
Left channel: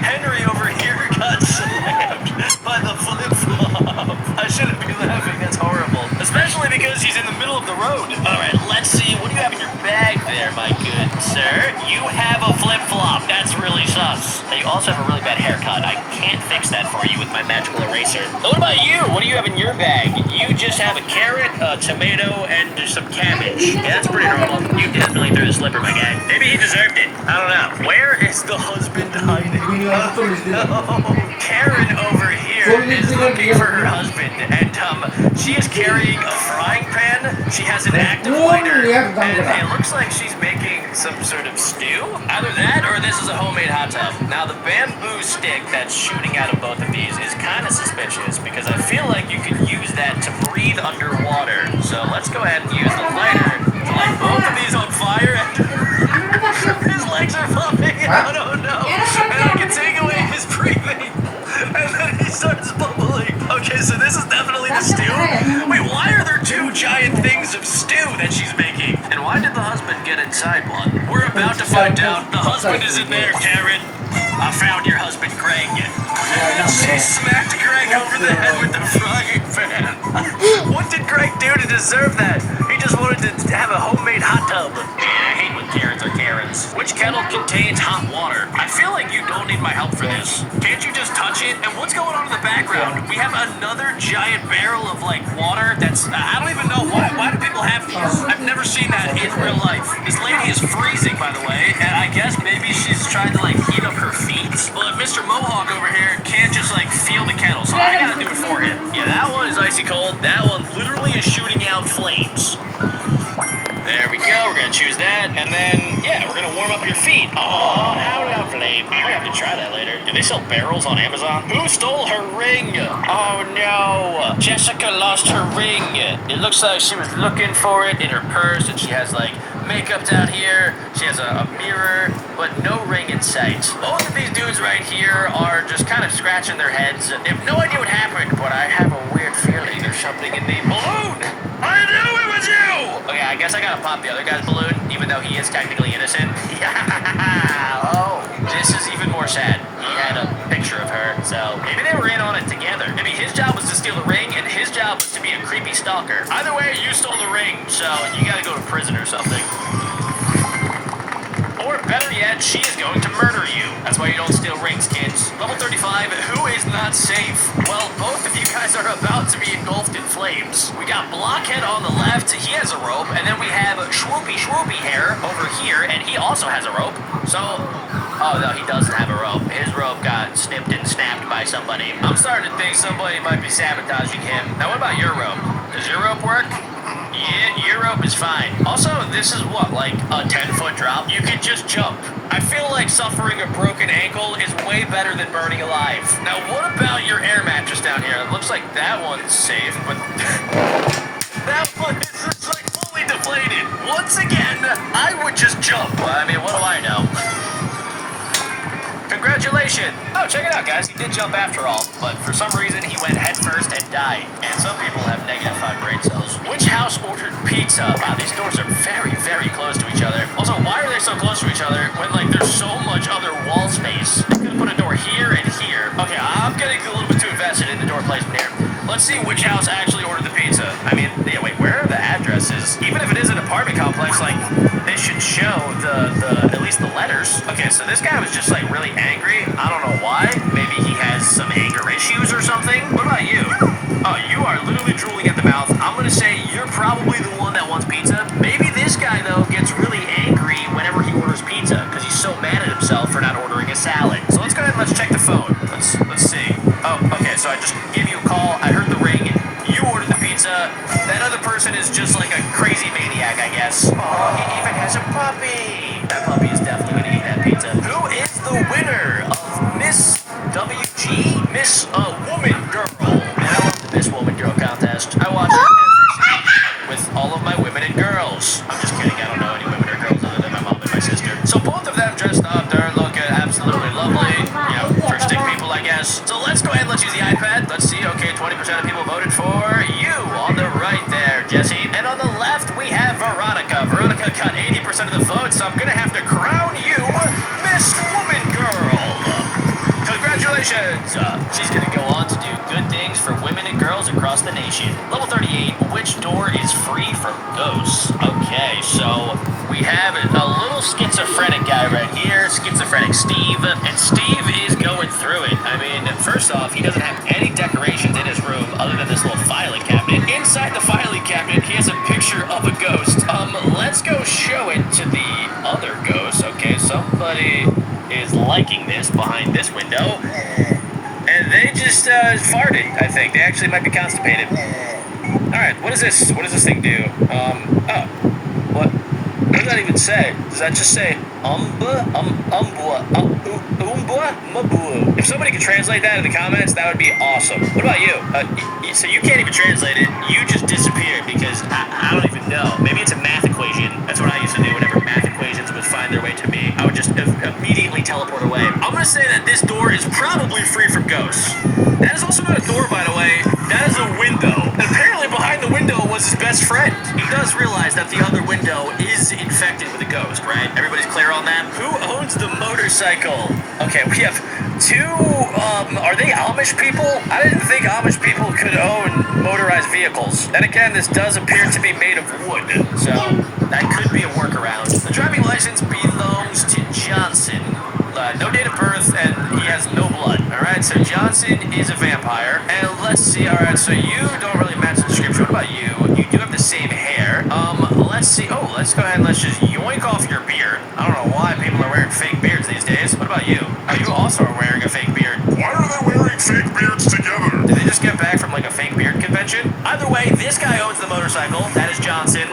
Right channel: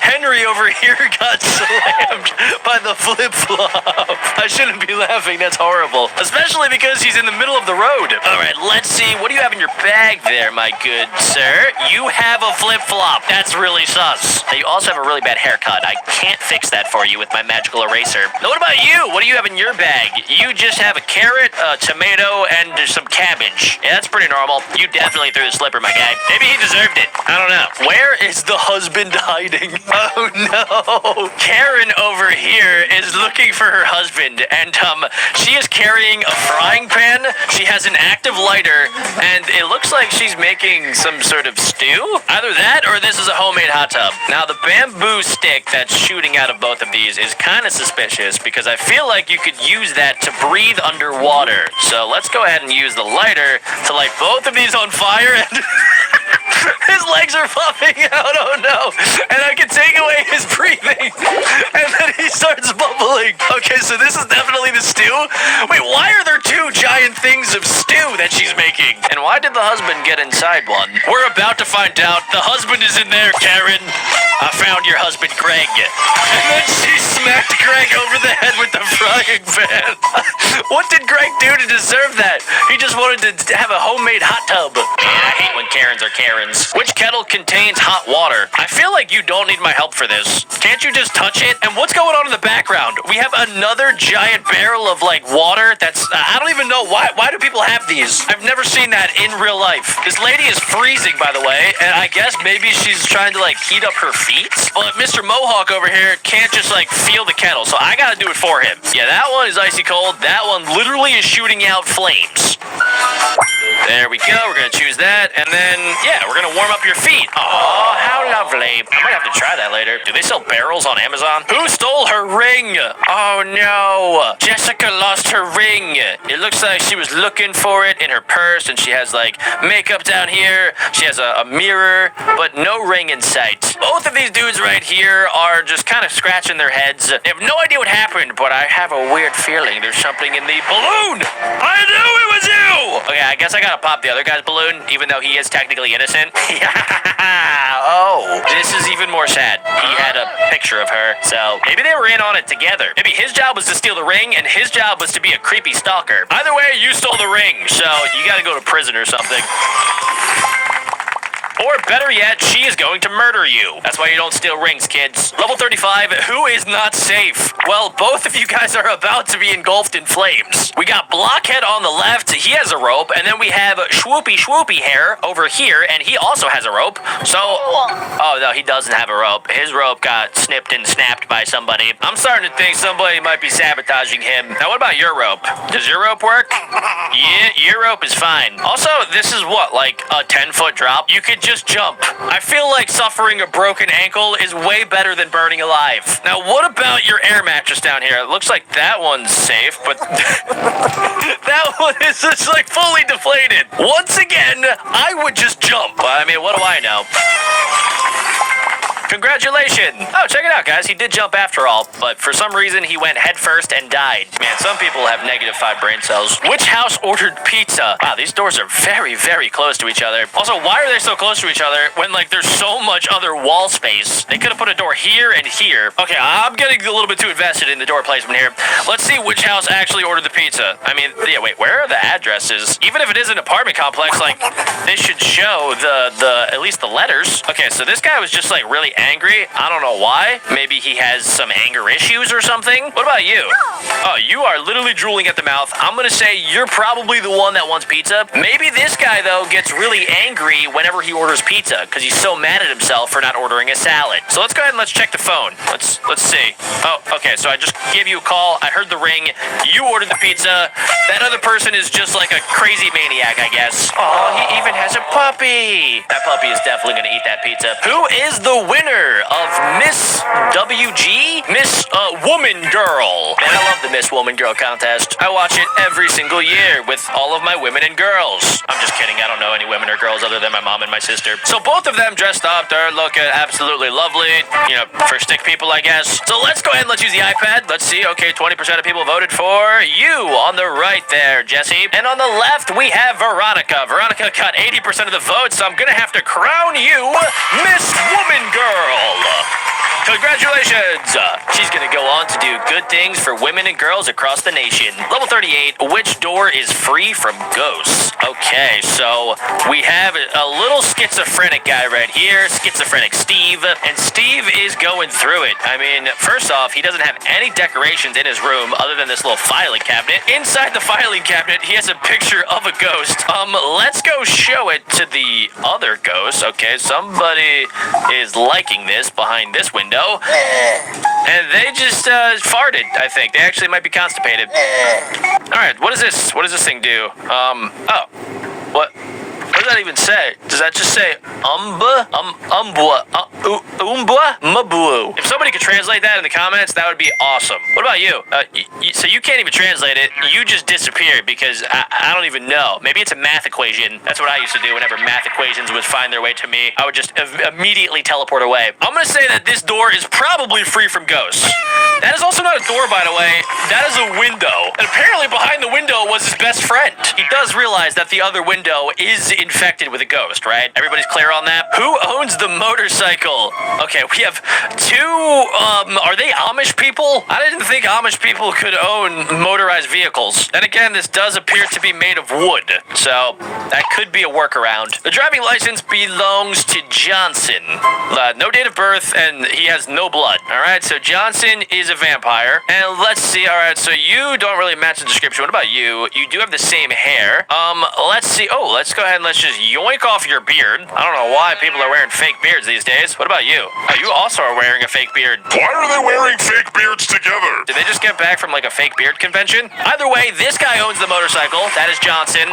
Henry over here got slammed by the flip-flop. A shouldn't be laughing. That's horrible. Especially because he's in the middle of the road. All right, let's see. What do you have in your bag there, my good sir? You have a flip-flop. That's really sus. Now, you also have a really bad haircut. I can't fix that for you with my magical eraser. Now, what about you? What do you have in your bag? You just have a carrot, a tomato, and some cabbage. Yeah, that's pretty normal. You definitely threw the slipper, my guy. Maybe he deserved it. I don't know. Where is the husband hiding? Oh, no. Karen over here is looking for her husband, and she is carrying a frying pan. She has an active lighter, and it looks like she's making some sort of stew. Either that, or this is a homemade hot tub. Now, the bamboo stick that's shooting out of both of these is kind of suspicious, because I feel like you could use that to breathe underwater. So let's go ahead and use the lighter to light both of these on fire, and his legs are popping out, oh no. And I can take away his breathing, and then he starts bubbling. Okay, so this is definitely the stew. Wait, why are there two giant things of stew that she's making? And why did the husband get inside one? We're about to find out. The husband is in there, Karen. I found your husband, Greg. And then she smacked Greg over the head with the frying pan. What did Greg do to deserve that? He just wanted to have a homemade hot tub. Yeah, I hate when Karens are Karens. Which kettle contains hot water? I feel like you don't need my help for this. Can't you just touch it? And what's going on in the background? We have another giant barrel of like water that's, I don't even know why. Why do people have these? I've never seen that in real life. This lady is freezing, by the way, and I guess maybe she's trying to like heat up her feet. But Mr. Mohawk over here can't just like feel the kettle, so I gotta do it for him. Yeah, that one is icy cold. That one literally is shooting out flames. There we go. We're gonna choose that, and then yeah, we're gonna warm up your feet. Oh, how lovely. We have to try that later. Do they sell barrels on Amazon? Who stole her ring? Oh no, Jessica lost her ring. It looks like she was looking for it in her purse, and she has like makeup down here. She has a mirror, but no ring in sight. Both of these dudes right here are just kind of scratching their heads. They have no idea what happened, but I have a weird feeling there's something in the balloon. I knew it was you. Okay, I guess I gotta pop the other guy's balloon, even though he is technically innocent. Oh, this is even more sad. He had a picture of her, so maybe they were in on it together. Maybe his job was to steal the ring, and his job was to be a creepy stalker. Either way, you stole the ring, so you gotta go to prison or something. Or better yet, she is going to murder you. That's why you don't steal rings, kids. Level 35, who is not safe? Well, both of you guys are about to be engulfed in flames. We got Blockhead on the left, he has a rope, and then we have Swoopy Hair over here, and he also has a rope. So, oh no, he doesn't have a rope. His rope got snipped and snapped by somebody. I'm starting to think somebody might be sabotaging him. Now, what about your rope? Does your rope work? Yeah, your rope is fine. Also, this is what, like a 10-foot drop? You could just jump. I feel like suffering a broken ankle is way better than burning alive. Now, what about your air mattress down here? It looks like that one's safe, but that one is just like fully deflated. Once again, I would just jump. I mean, what do I know? Congratulations! Oh, check it out, guys. He did jump after all, but for some reason he went head first and died. Man, some people have -5 brain cells. Which house ordered pizza? Wow, these doors are very, very close to each other. Also, why are they so close to each other when, like, there's so much other wall space? They could have put a door here and here. Okay, I'm getting a little bit too invested in the door placement here. Let's see which house actually ordered the pizza. I mean, yeah, wait, where are the addresses? Even if it is an apartment complex, like, they should show the at least the letters. Okay, so this guy was just, like, really angry. I don't know why. Maybe he has some anger issues or something. What about you? Oh, you are literally drooling at the mouth. I'm gonna say you're probably the one that wants pizza. Maybe this guy, though, gets really angry whenever he orders pizza because he's so mad at himself for not ordering a salad. So let's go ahead and let's check the phone. Let's see. Oh, okay, so I just gave you a call. I heard the ring. You ordered the pizza. That other person is just like a crazy maniac, I guess. Oh, he even has a puppy. That puppy is definitely gonna eat that pizza. Who is the winner of Miss WG? Miss Woman Girl. Man, I love the Miss Woman Girl contest. I watch it every single year with all of my women and girls. I'm just kidding. I don't know any women or girls other than my mom and my sister. So both of them dressed up. They're looking absolutely lovely. You know, for stick people, I guess. So let's go ahead and let's use the iPad. Let's see. Okay, 20% of people voted for you on the right there, Jesse. And on the left, we have Veronica. Veronica got 80% of the votes, so I'm going to have to crown you Miss Woman Girl. Congratulations. Congratulations! She's gonna go on to do good things for women and girls across the nation. Level 38, which door is free from ghosts? Okay, so we have a little schizophrenic guy right here, schizophrenic Steve, and Steve is going through it. I mean, first off, he doesn't have any decorations in his room other than this little filing cabinet. Inside the filing cabinet, he has a picture of a ghost. Let's go show it to the other ghost. Okay, somebody is liking this behind this window. And they just farted, I think. They actually might be constipated. Alright, what is this? What does this thing do? Oh. What does that even say? Does that just say umbwa? Mabu. If somebody could translate that in the comments, that would be awesome. What about you? So you can't even translate it. You just disappeared because I don't even know. Maybe it's a math equation. That's what I used to do whenever math equations would find their way to me. I would just immediately teleport away. I'm going to say that this door is probably free from ghosts. That is also not a door, by the way. That is a window. And apparently behind the window was his best friend. He does realize that the other window is infected with a ghost, right? Everybody's clear on that? Who owns the motorcycle? Okay, we have two, are they Amish people? I didn't think Amish people could own motorized vehicles. And again, this does appear to be made of wood, so that could be a workaround. The driving license belongs to Johnson. No date of birth, and he has no blood. Alright, so Johnson is a vampire. And let's see, alright, so you don't really match the description. What about you? You do have the same hair. Let's see. Oh, let's go ahead and let's just yoink off your beard. I don't know why people are wearing fake beards these days. What about you? Oh, you also are wearing a fake beard. Why are they wearing fake beards together? Did they just get back from like a fake beard convention? Either way, this guy owns the motorcycle. That is Johnson.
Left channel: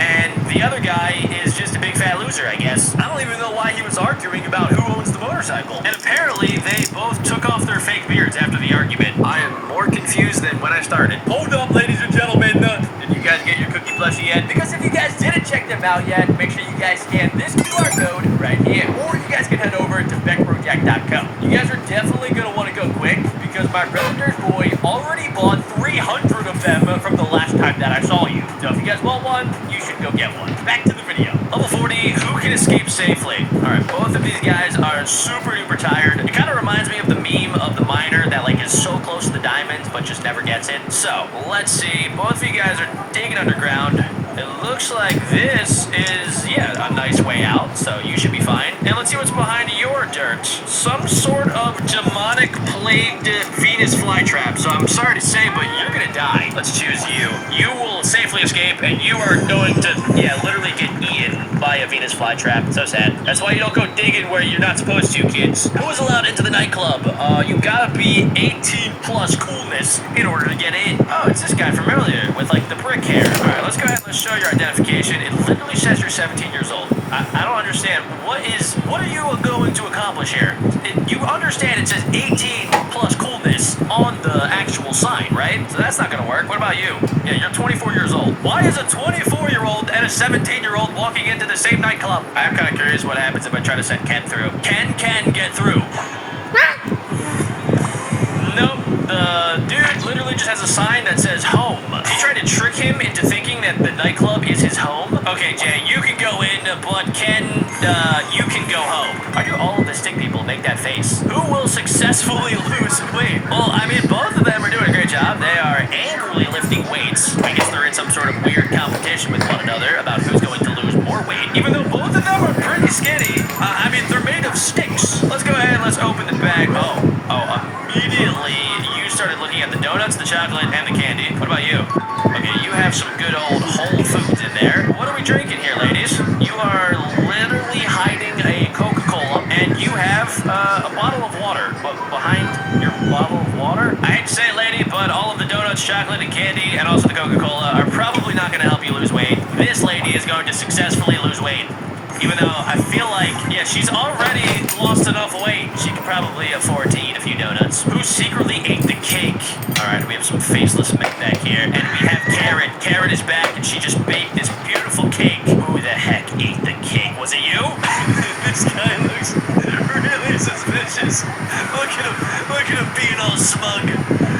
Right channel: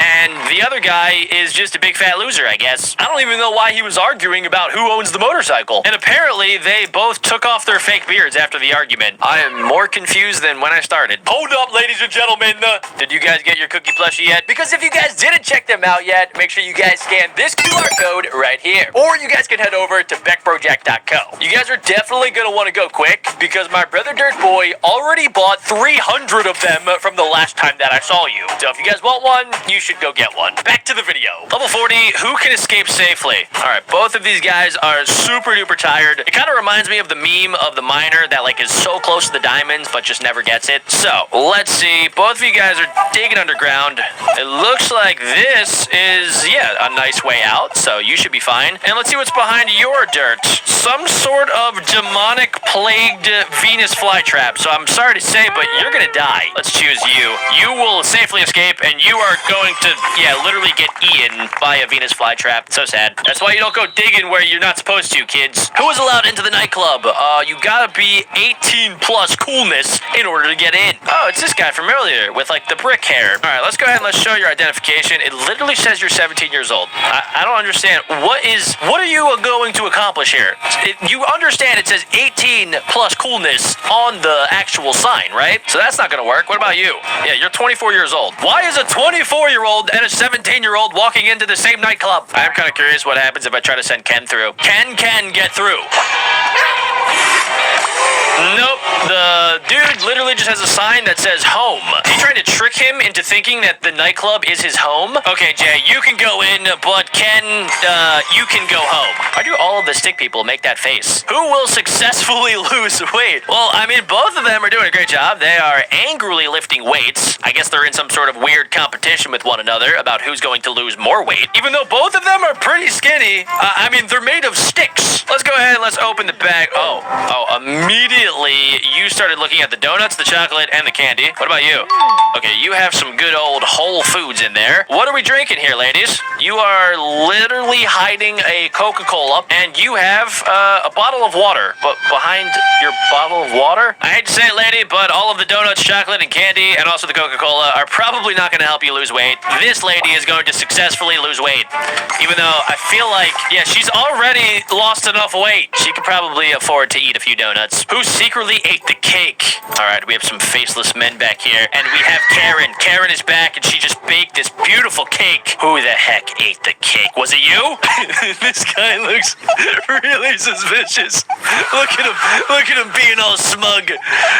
And the other guy is just a big fat loser, I guess. I don't even know why he was arguing about who owns the motorcycle. And apparently, they both took off their fake beards after the argument. I am more confused than when I started. Hold up, ladies and gentlemen. Did you guys get your cookie plushie yet? Because if you guys didn't check them out yet, make sure you guys scan this QR code right here. Or you guys can head over to beckbrojack.com. You guys are definitely going to want to go quick because my brother Dirt Boy already bought 300 of them from the last time that I saw you. So if you guys want one, you should go get one. Back to the video. Level 40, who can escape safely? Alright, both of these guys are super duper tired. It kind of reminds me of the meme of the miner that like is so close to the diamonds but just never gets it. So, let's see. Both of you guys are digging underground. It looks like this is, yeah, a nice way out, so you should be fine. And let's see what's behind your dirt. Some sort of demonic plagued Venus flytrap. So I'm sorry to say, but you're gonna die. Let's choose you. You will safely escape, and you are going to, yeah, literally get eaten by a Venus flytrap. So sad. That's why you don't go digging where you're not supposed to, kids. Who is allowed into the nightclub? You gotta be 18 plus coolness in order to get in. Oh, it's this guy from earlier with like the brick hair. All right, let's go ahead and let's show your identification. It literally says you're 17 years old. I don't understand. What are you going to accomplish here? You understand it says 18 plus coolness on the actual sign, right? So that's not gonna work. What about you? Yeah, you're 24 years old. Why is a 24-year-old and a 17-year-old walking into the same nightclub? I'm kind of curious what happens if I try to send Ken through. Ken can get through. Nope. The dude literally just has a sign that says home. He tried to trick him into thinking that the nightclub is his home. Okay, Jay, you can go in, but Ken, you can go home. Why do all of the stick people make that face? Who will successfully lose weight? Well, I mean, both of them are doing a great job. They are angrily lifting weights. I guess they're in some sort of weird competition with one another about who's going to lose more weight. Even though both of them are pretty skinny, I mean, they're made of sticks. Let's go ahead and let's open the bag. Oh, immediately you started looking at the donuts, the chocolate, and the candy. What about you? Okay, you have some good old Whole Foods in there. What are we drinking here, ladies? You are literally hiding a Coca-Cola, and you have a bottle of water. But behind your bottle of water? I hate to say it, lady, but all of the donuts, chocolate, and candy, and also the Coca-Cola are probably not going to help you lose weight. This lady is going to successfully lose weight. Even though I feel like, yeah, she's already lost enough weight. She could probably afford to eat a few donuts. Who secretly ate the cake? All right, we have some faceless men back here, and we have Karen. Karen is back, and she just baked this beautiful cake Who the heck ate the cake? Was it you? This guy looks really suspicious. Look at him. Look at him being all smug.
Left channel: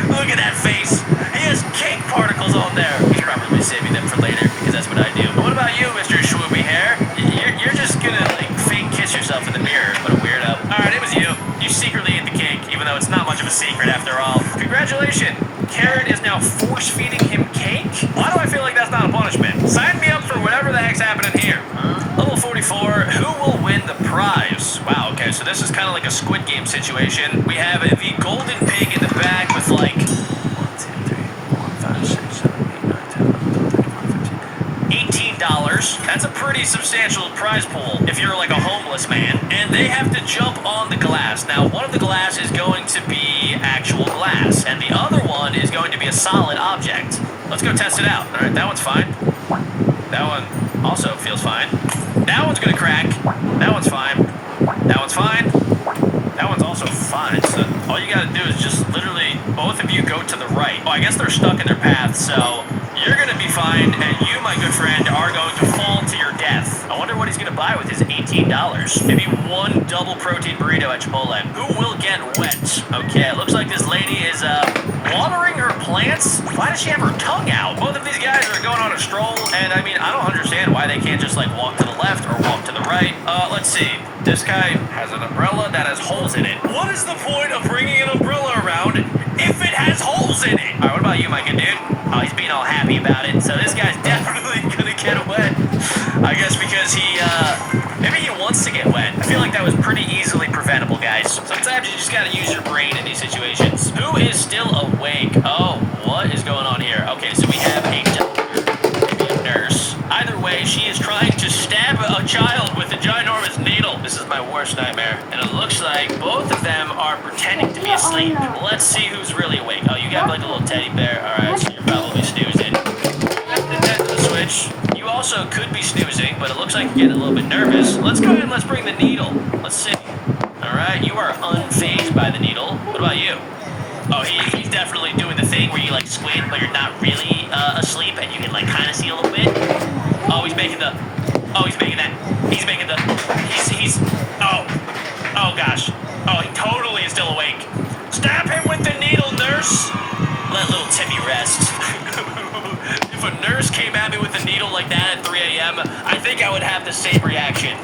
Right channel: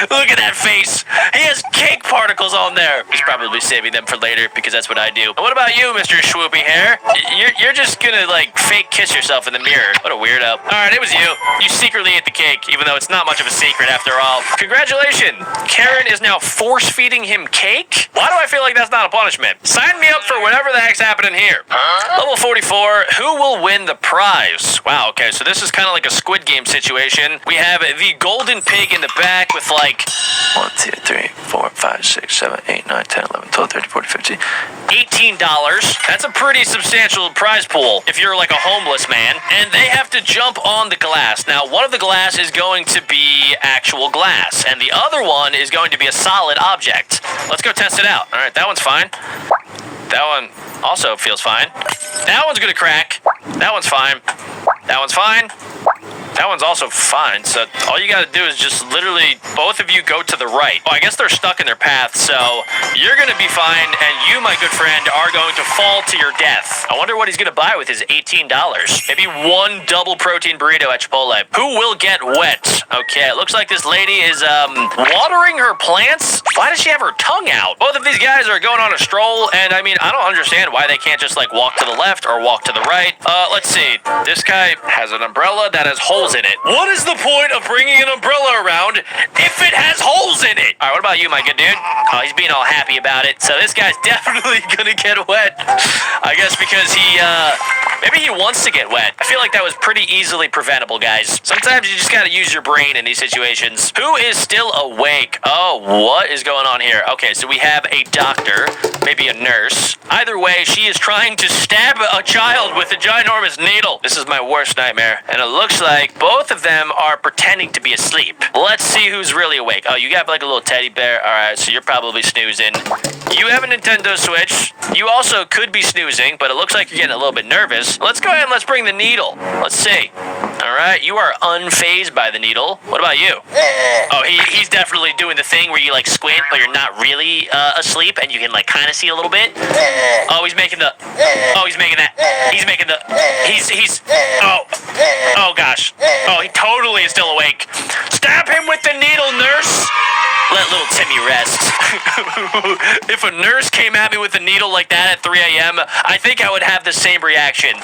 Look at that face. He has cake particles on there. He's probably saving them for later because that's what I do. But what about you, Mr. Swoopy Hair? You're just gonna like fake kiss yourself in the mirror. What a weirdo. Alright, it was you. You secretly ate the cake, even though it's not much of a secret after all. Congratulations. Karen is now force-feeding him cake? Why do I feel like that's not a punishment? Sign me up for whatever the heck's happening here. Level 44, who will win the prize? Wow, okay, so this is kind of like a Squid Game situation. We have the golden pig in the back with like 1, 2, 3, 4, 5, 6, 7, 8, 9, 10, 11, 12, 13, 14, 15, $18. That's a pretty substantial prize pool if you're like a homeless man. And they have to jump on the glass. Now, one of the glass is going to be actual glass, and the other one is going to be a solid object. Let's go test it out. All right, that one's fine. That one also feels fine. That one's gonna crack. That one's fine. That one's fine. That one's also fine. So all you gotta do is just literally both of you go to the right. Oh, I guess they're stuck in their path, so you're gonna be fine, and you, my good friend, are going to fall to your death. I wonder what he's gonna buy with his $18. Maybe one double protein burrito at Chipotle. Who will get wet? Okay, it looks like this lady is watering her plants. Why does she have her tongue out? Both of these guys are going on a stroll, and I mean, I don't understand why they can't just like walk to the left or walk to the right. Let's see. This guy has an umbrella that has holes in it. What is the point of bringing an umbrella around if it has holes in it? All right, what about you, my good dude? Oh, he's being all happy about it. So this guy's definitely gonna get wet. I guess because maybe he wants to get wet. I feel like that was pretty easily preventable, guys. Sometimes you just gotta use your brain in these situations. Who is still awake? Oh, what is going on here? Okay, so we have a doctor, maybe a nurse. Either way, she is trying to stab a child with a ginormous needle. This is my worst nightmare. And it looks like both of them are pretending to be asleep. Let's see who's really awake. Oh, you got like a little teddy bear. All right, so you're probably snoozing. You have a Nintendo Switch. You also could be snoozing, but it looks like you're getting a little bit nervous. Let's go ahead and let's bring the needle. Let's see. All right, you are unfazed by the needle. What about you? Oh, he's definitely doing the thing where you like squint, but you're not really asleep, and you can like kind of see a little bit. Oh, he's making the. Oh, he's making that. He's making the. He's. Oh gosh. Oh, he totally is still awake. Stab him with the needle, nurse. Let little Timmy rest. If a nurse came at me with a needle like that at 3 a.m., I think I would have the same reaction.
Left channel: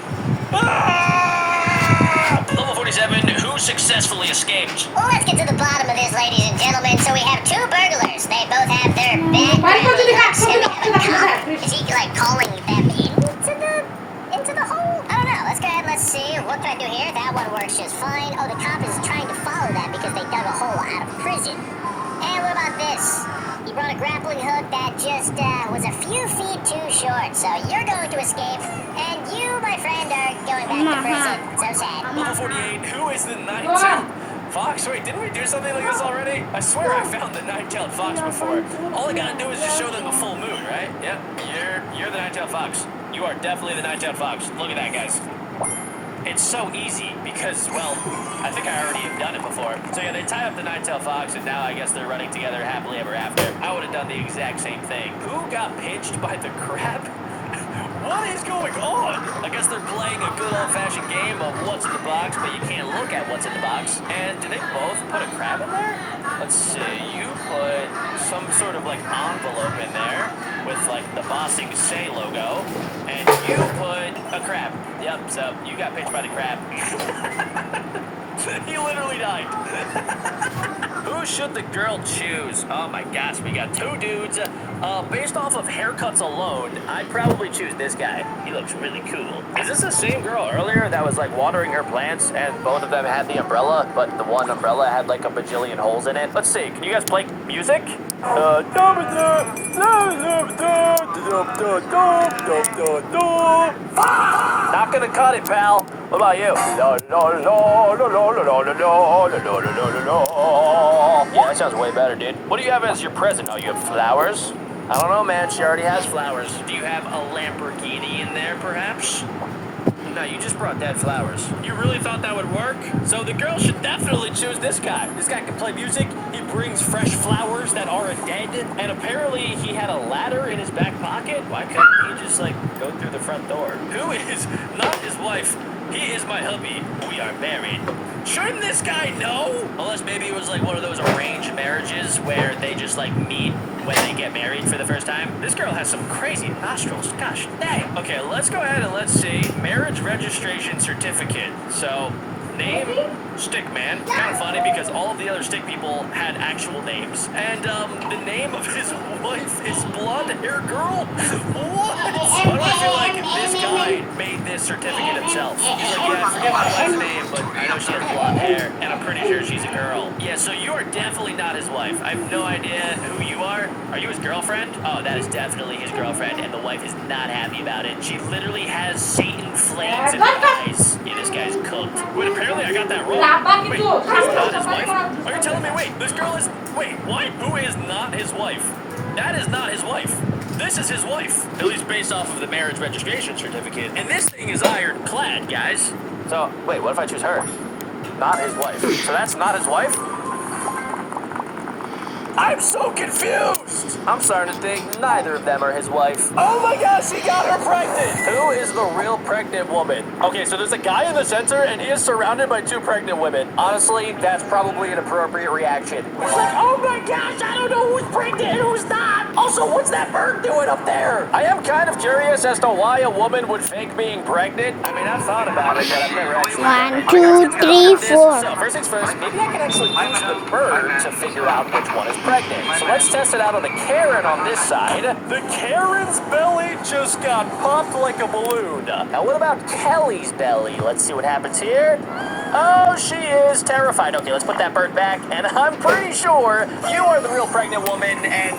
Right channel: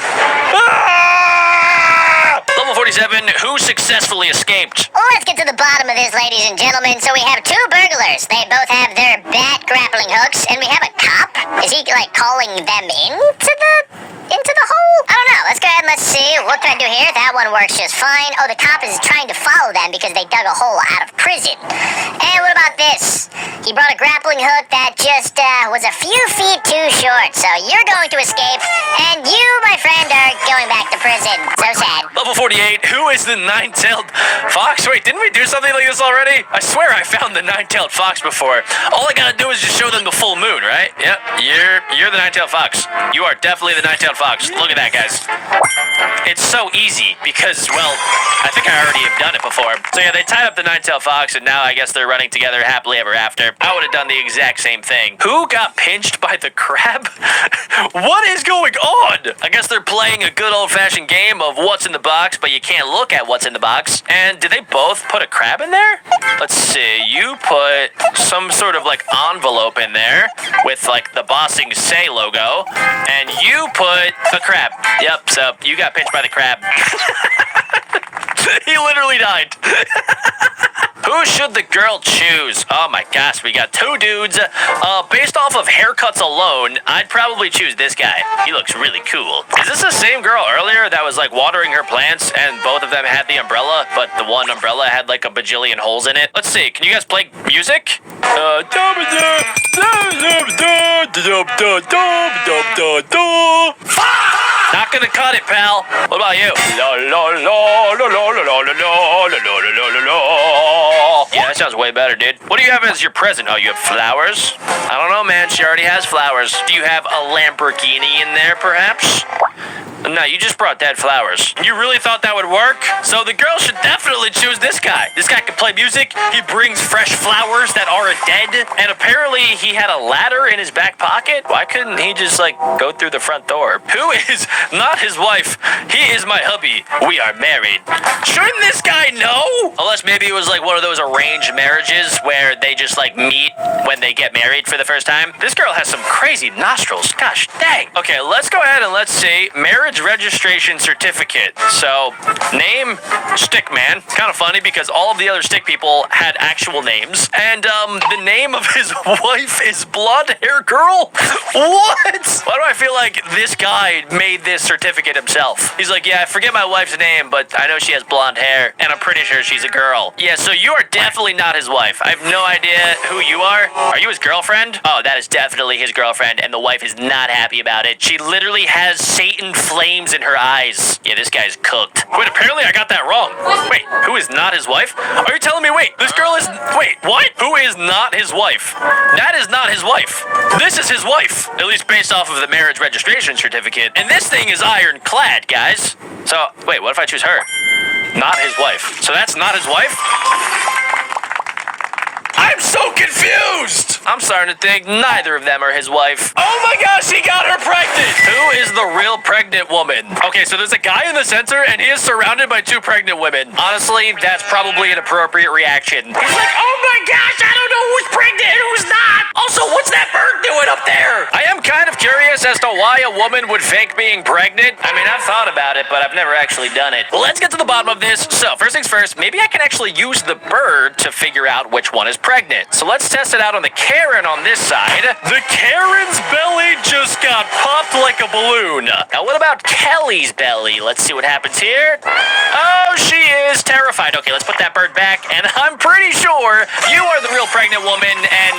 Level 47, who successfully escaped? Well, let's get to the bottom of this, ladies and gentlemen. So we have two burglars. They both have their bad grappling hooks, and we have a cop. Is he, like, calling them into the hole? I don't know. Let's go ahead and let's see. What can I do here? That one works just fine. Oh, the cop is trying to follow them because they dug a hole out of prison. And what about this? He brought a grappling hook that just was a few feet too short. So you're going to escape, and you, my friend, are going back to prison. So sad. Level 48, who is the nine-tailed fox? Wait, didn't we do something like this already? I swear I found the nine-tailed fox before. All I gotta do is just show them the full moon, right? Yep, you're the nine-tailed fox. You are definitely the nine-tailed fox. Look at that, guys. It's so easy because, well, I think I already have done it before. So yeah, they tied up the nine-tailed fox, and now I guess they're running together happily ever after. I would have done the exact same thing. Who got pinched by the crab? What is going on? I guess they're playing a good old-fashioned game of what's in the box, but you can't look at what's in the box. And did they both put a crab in there? Let's see. You put some sort of like envelope in there with like the Bossing Say logo, and you put the crab. Yep, so you got pinched by the crab. He literally died. Who should the girl choose? Oh my gosh, we got two dudes. Based off of haircuts alone, I'd probably choose this guy. He looks really cool. Is this the same girl earlier that was like watering her plants and both of them had the umbrella, but the one umbrella had like a bajillion holes in it? Let's see, can you guys play music? Not gonna cut it, pal. What about you? Yeah, that sounds way better, dude. What do you have as your present? Oh, you have flowers? I don't know, man. She already has flowers. Do you have a Lamborghini in there, perhaps? No, you just brought dead flowers. You really thought that would work? So the girl should definitely choose this guy. This guy can play music. He brings fresh flowers that aren't dead. And apparently he had a ladder in his back pocket. Why couldn't he just, like, go through the front door? Who is not his wife? He is my hubby. We are married. Shouldn't this guy know? Unless maybe it was, like, one of those arranged marriages where they just, like, meet when they get married for the first time. This girl has some crazy nostrils. Gosh dang. Okay, let's go ahead and let's see. Marriage registration certificate. So, name, Stickman. Kind of funny because all of the other stick people had actual names. And, the name of his wife is Blonde Hair Girl? What? Why do I feel like this guy made this certificate himself? He's like, yeah, I forget my wife's name, but I know she has blonde hair, and I'm pretty sure she's a girl. Yeah, so you are definitely not his wife. I have no idea who you are. Are you his girlfriend? Oh, that is definitely his girlfriend, and the wife is not happy about it. She literally has Satan flames in her eyes. Yeah, this guy's cooked. Wait, apparently I got that wrong. Wait, who is not his wife? Are you telling me, wait, this girl is... Wait, what? Who is not his wife? That is not his wife. This is his wife. At least based off of the marriage registration certificate. And this thing is ironclad, guys. So, wait, what if I choose her? Not his wife. So that's not his wife? I'm so confused! I'm starting to think neither of them are his wife. Oh my gosh, he got her pregnant! Who is the real pregnant woman? Okay, so there's a guy in the center and he is surrounded by 2 pregnant women. Honestly, that's probably an appropriate reaction. He's like, oh my gosh, I don't know who's pregnant and who's not! Also, what's that bird doing up there? I am kind of curious as to why a woman would fake being pregnant. I mean, I've thought about it, but I've never actually done it. But let's get to the bottom of this. So, first things first, maybe I can actually use the bird to figure out which one is pregnant. So let's test it out on the Karen on this side. The Karen's belly just got popped like a balloon. Now what about Kelly's belly? Let's see what happens here. Oh, she is terrified. Okay, let's put that bird back. And I'm pretty sure you are the real pregnant woman. And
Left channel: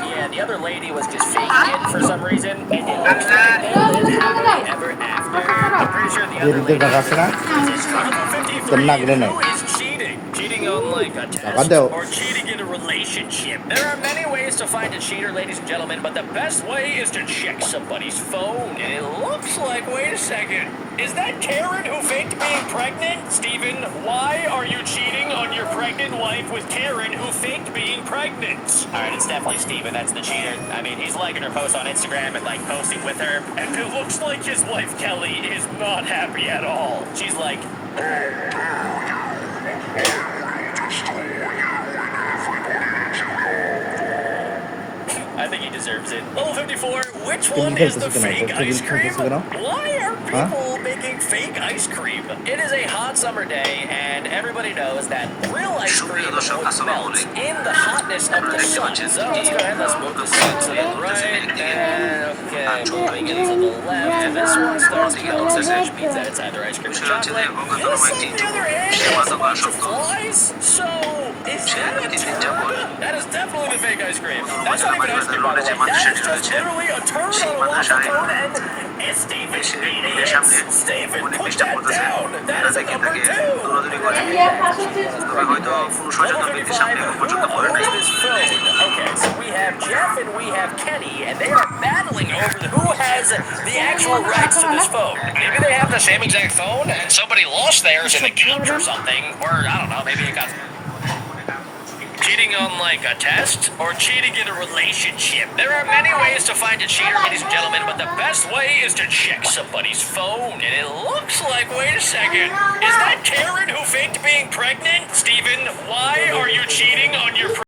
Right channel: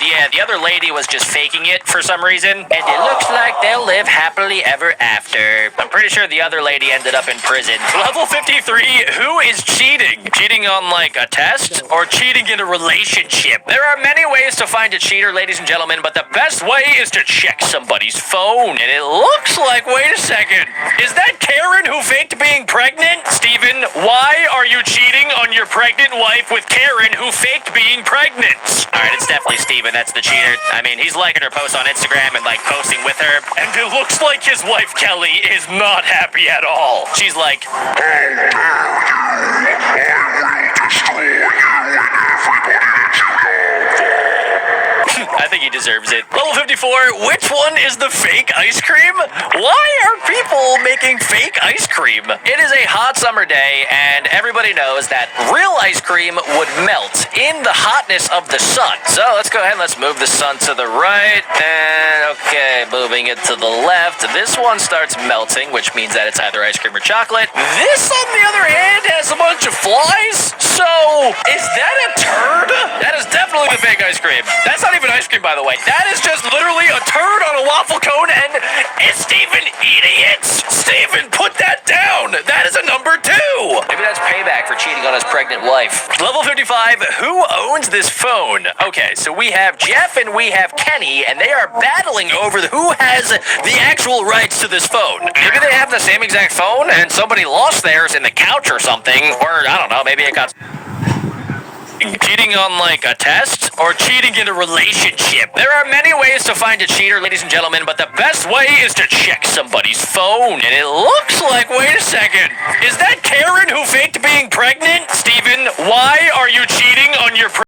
yeah, the other lady was just faking it for some reason. And it looks like they'll live happily ever after. I'm pretty sure the other lady ended up in prison. Level 53, who is cheating? Cheating on like a test or cheating in a relationship? There are many ways to find a cheater, ladies and gentlemen, but the best way is to check somebody's phone. And it looks like, wait a second, is that Karen who faked being pregnant? Steven, why are you cheating on your pregnant wife with Karen who faked being pregnant? All right, it's definitely Steven, that's the cheater. I mean, he's liking her posts on Instagram and like posting with her. And it looks like his wife, Kelly, is not happy at all. She's like, I think he deserves it. Level 54, which one is the fake ice cream? Why are people making fake ice cream? It is a hot summer day, and everybody knows that real ice cream would melt in the hotness of the sun. So let's go ahead and let's move the sun to the right, and okay, moving it to the left. This one starts melting, which means that it's either ice cream or chocolate. This, on the other hand, has a bunch of flies. So, is that a turd? That is definitely the fake ice cream. That's not even ice cream, by the way. That is just literally a turd on a waffle cone, and is Steven eating it? Steven, put that down. That is a number 2. Maybe that's payback for cheating on his pregnant wife. Level 55, who owns this phone? Okay, so we have Jeff and we have Kenny, and they are battling over who has the actual rights to this phone. Maybe they have the same exact phone, and somebody lost theirs in the couch or something, or I don't know, maybe it got... Cheating on like a test or cheating in a relationship. There are many ways to find a cheater, ladies and gentlemen, but the best way is to check somebody's phone. And it looks like, wait a second, is that Karen who faked being pregnant? Steven, why are you cheating on your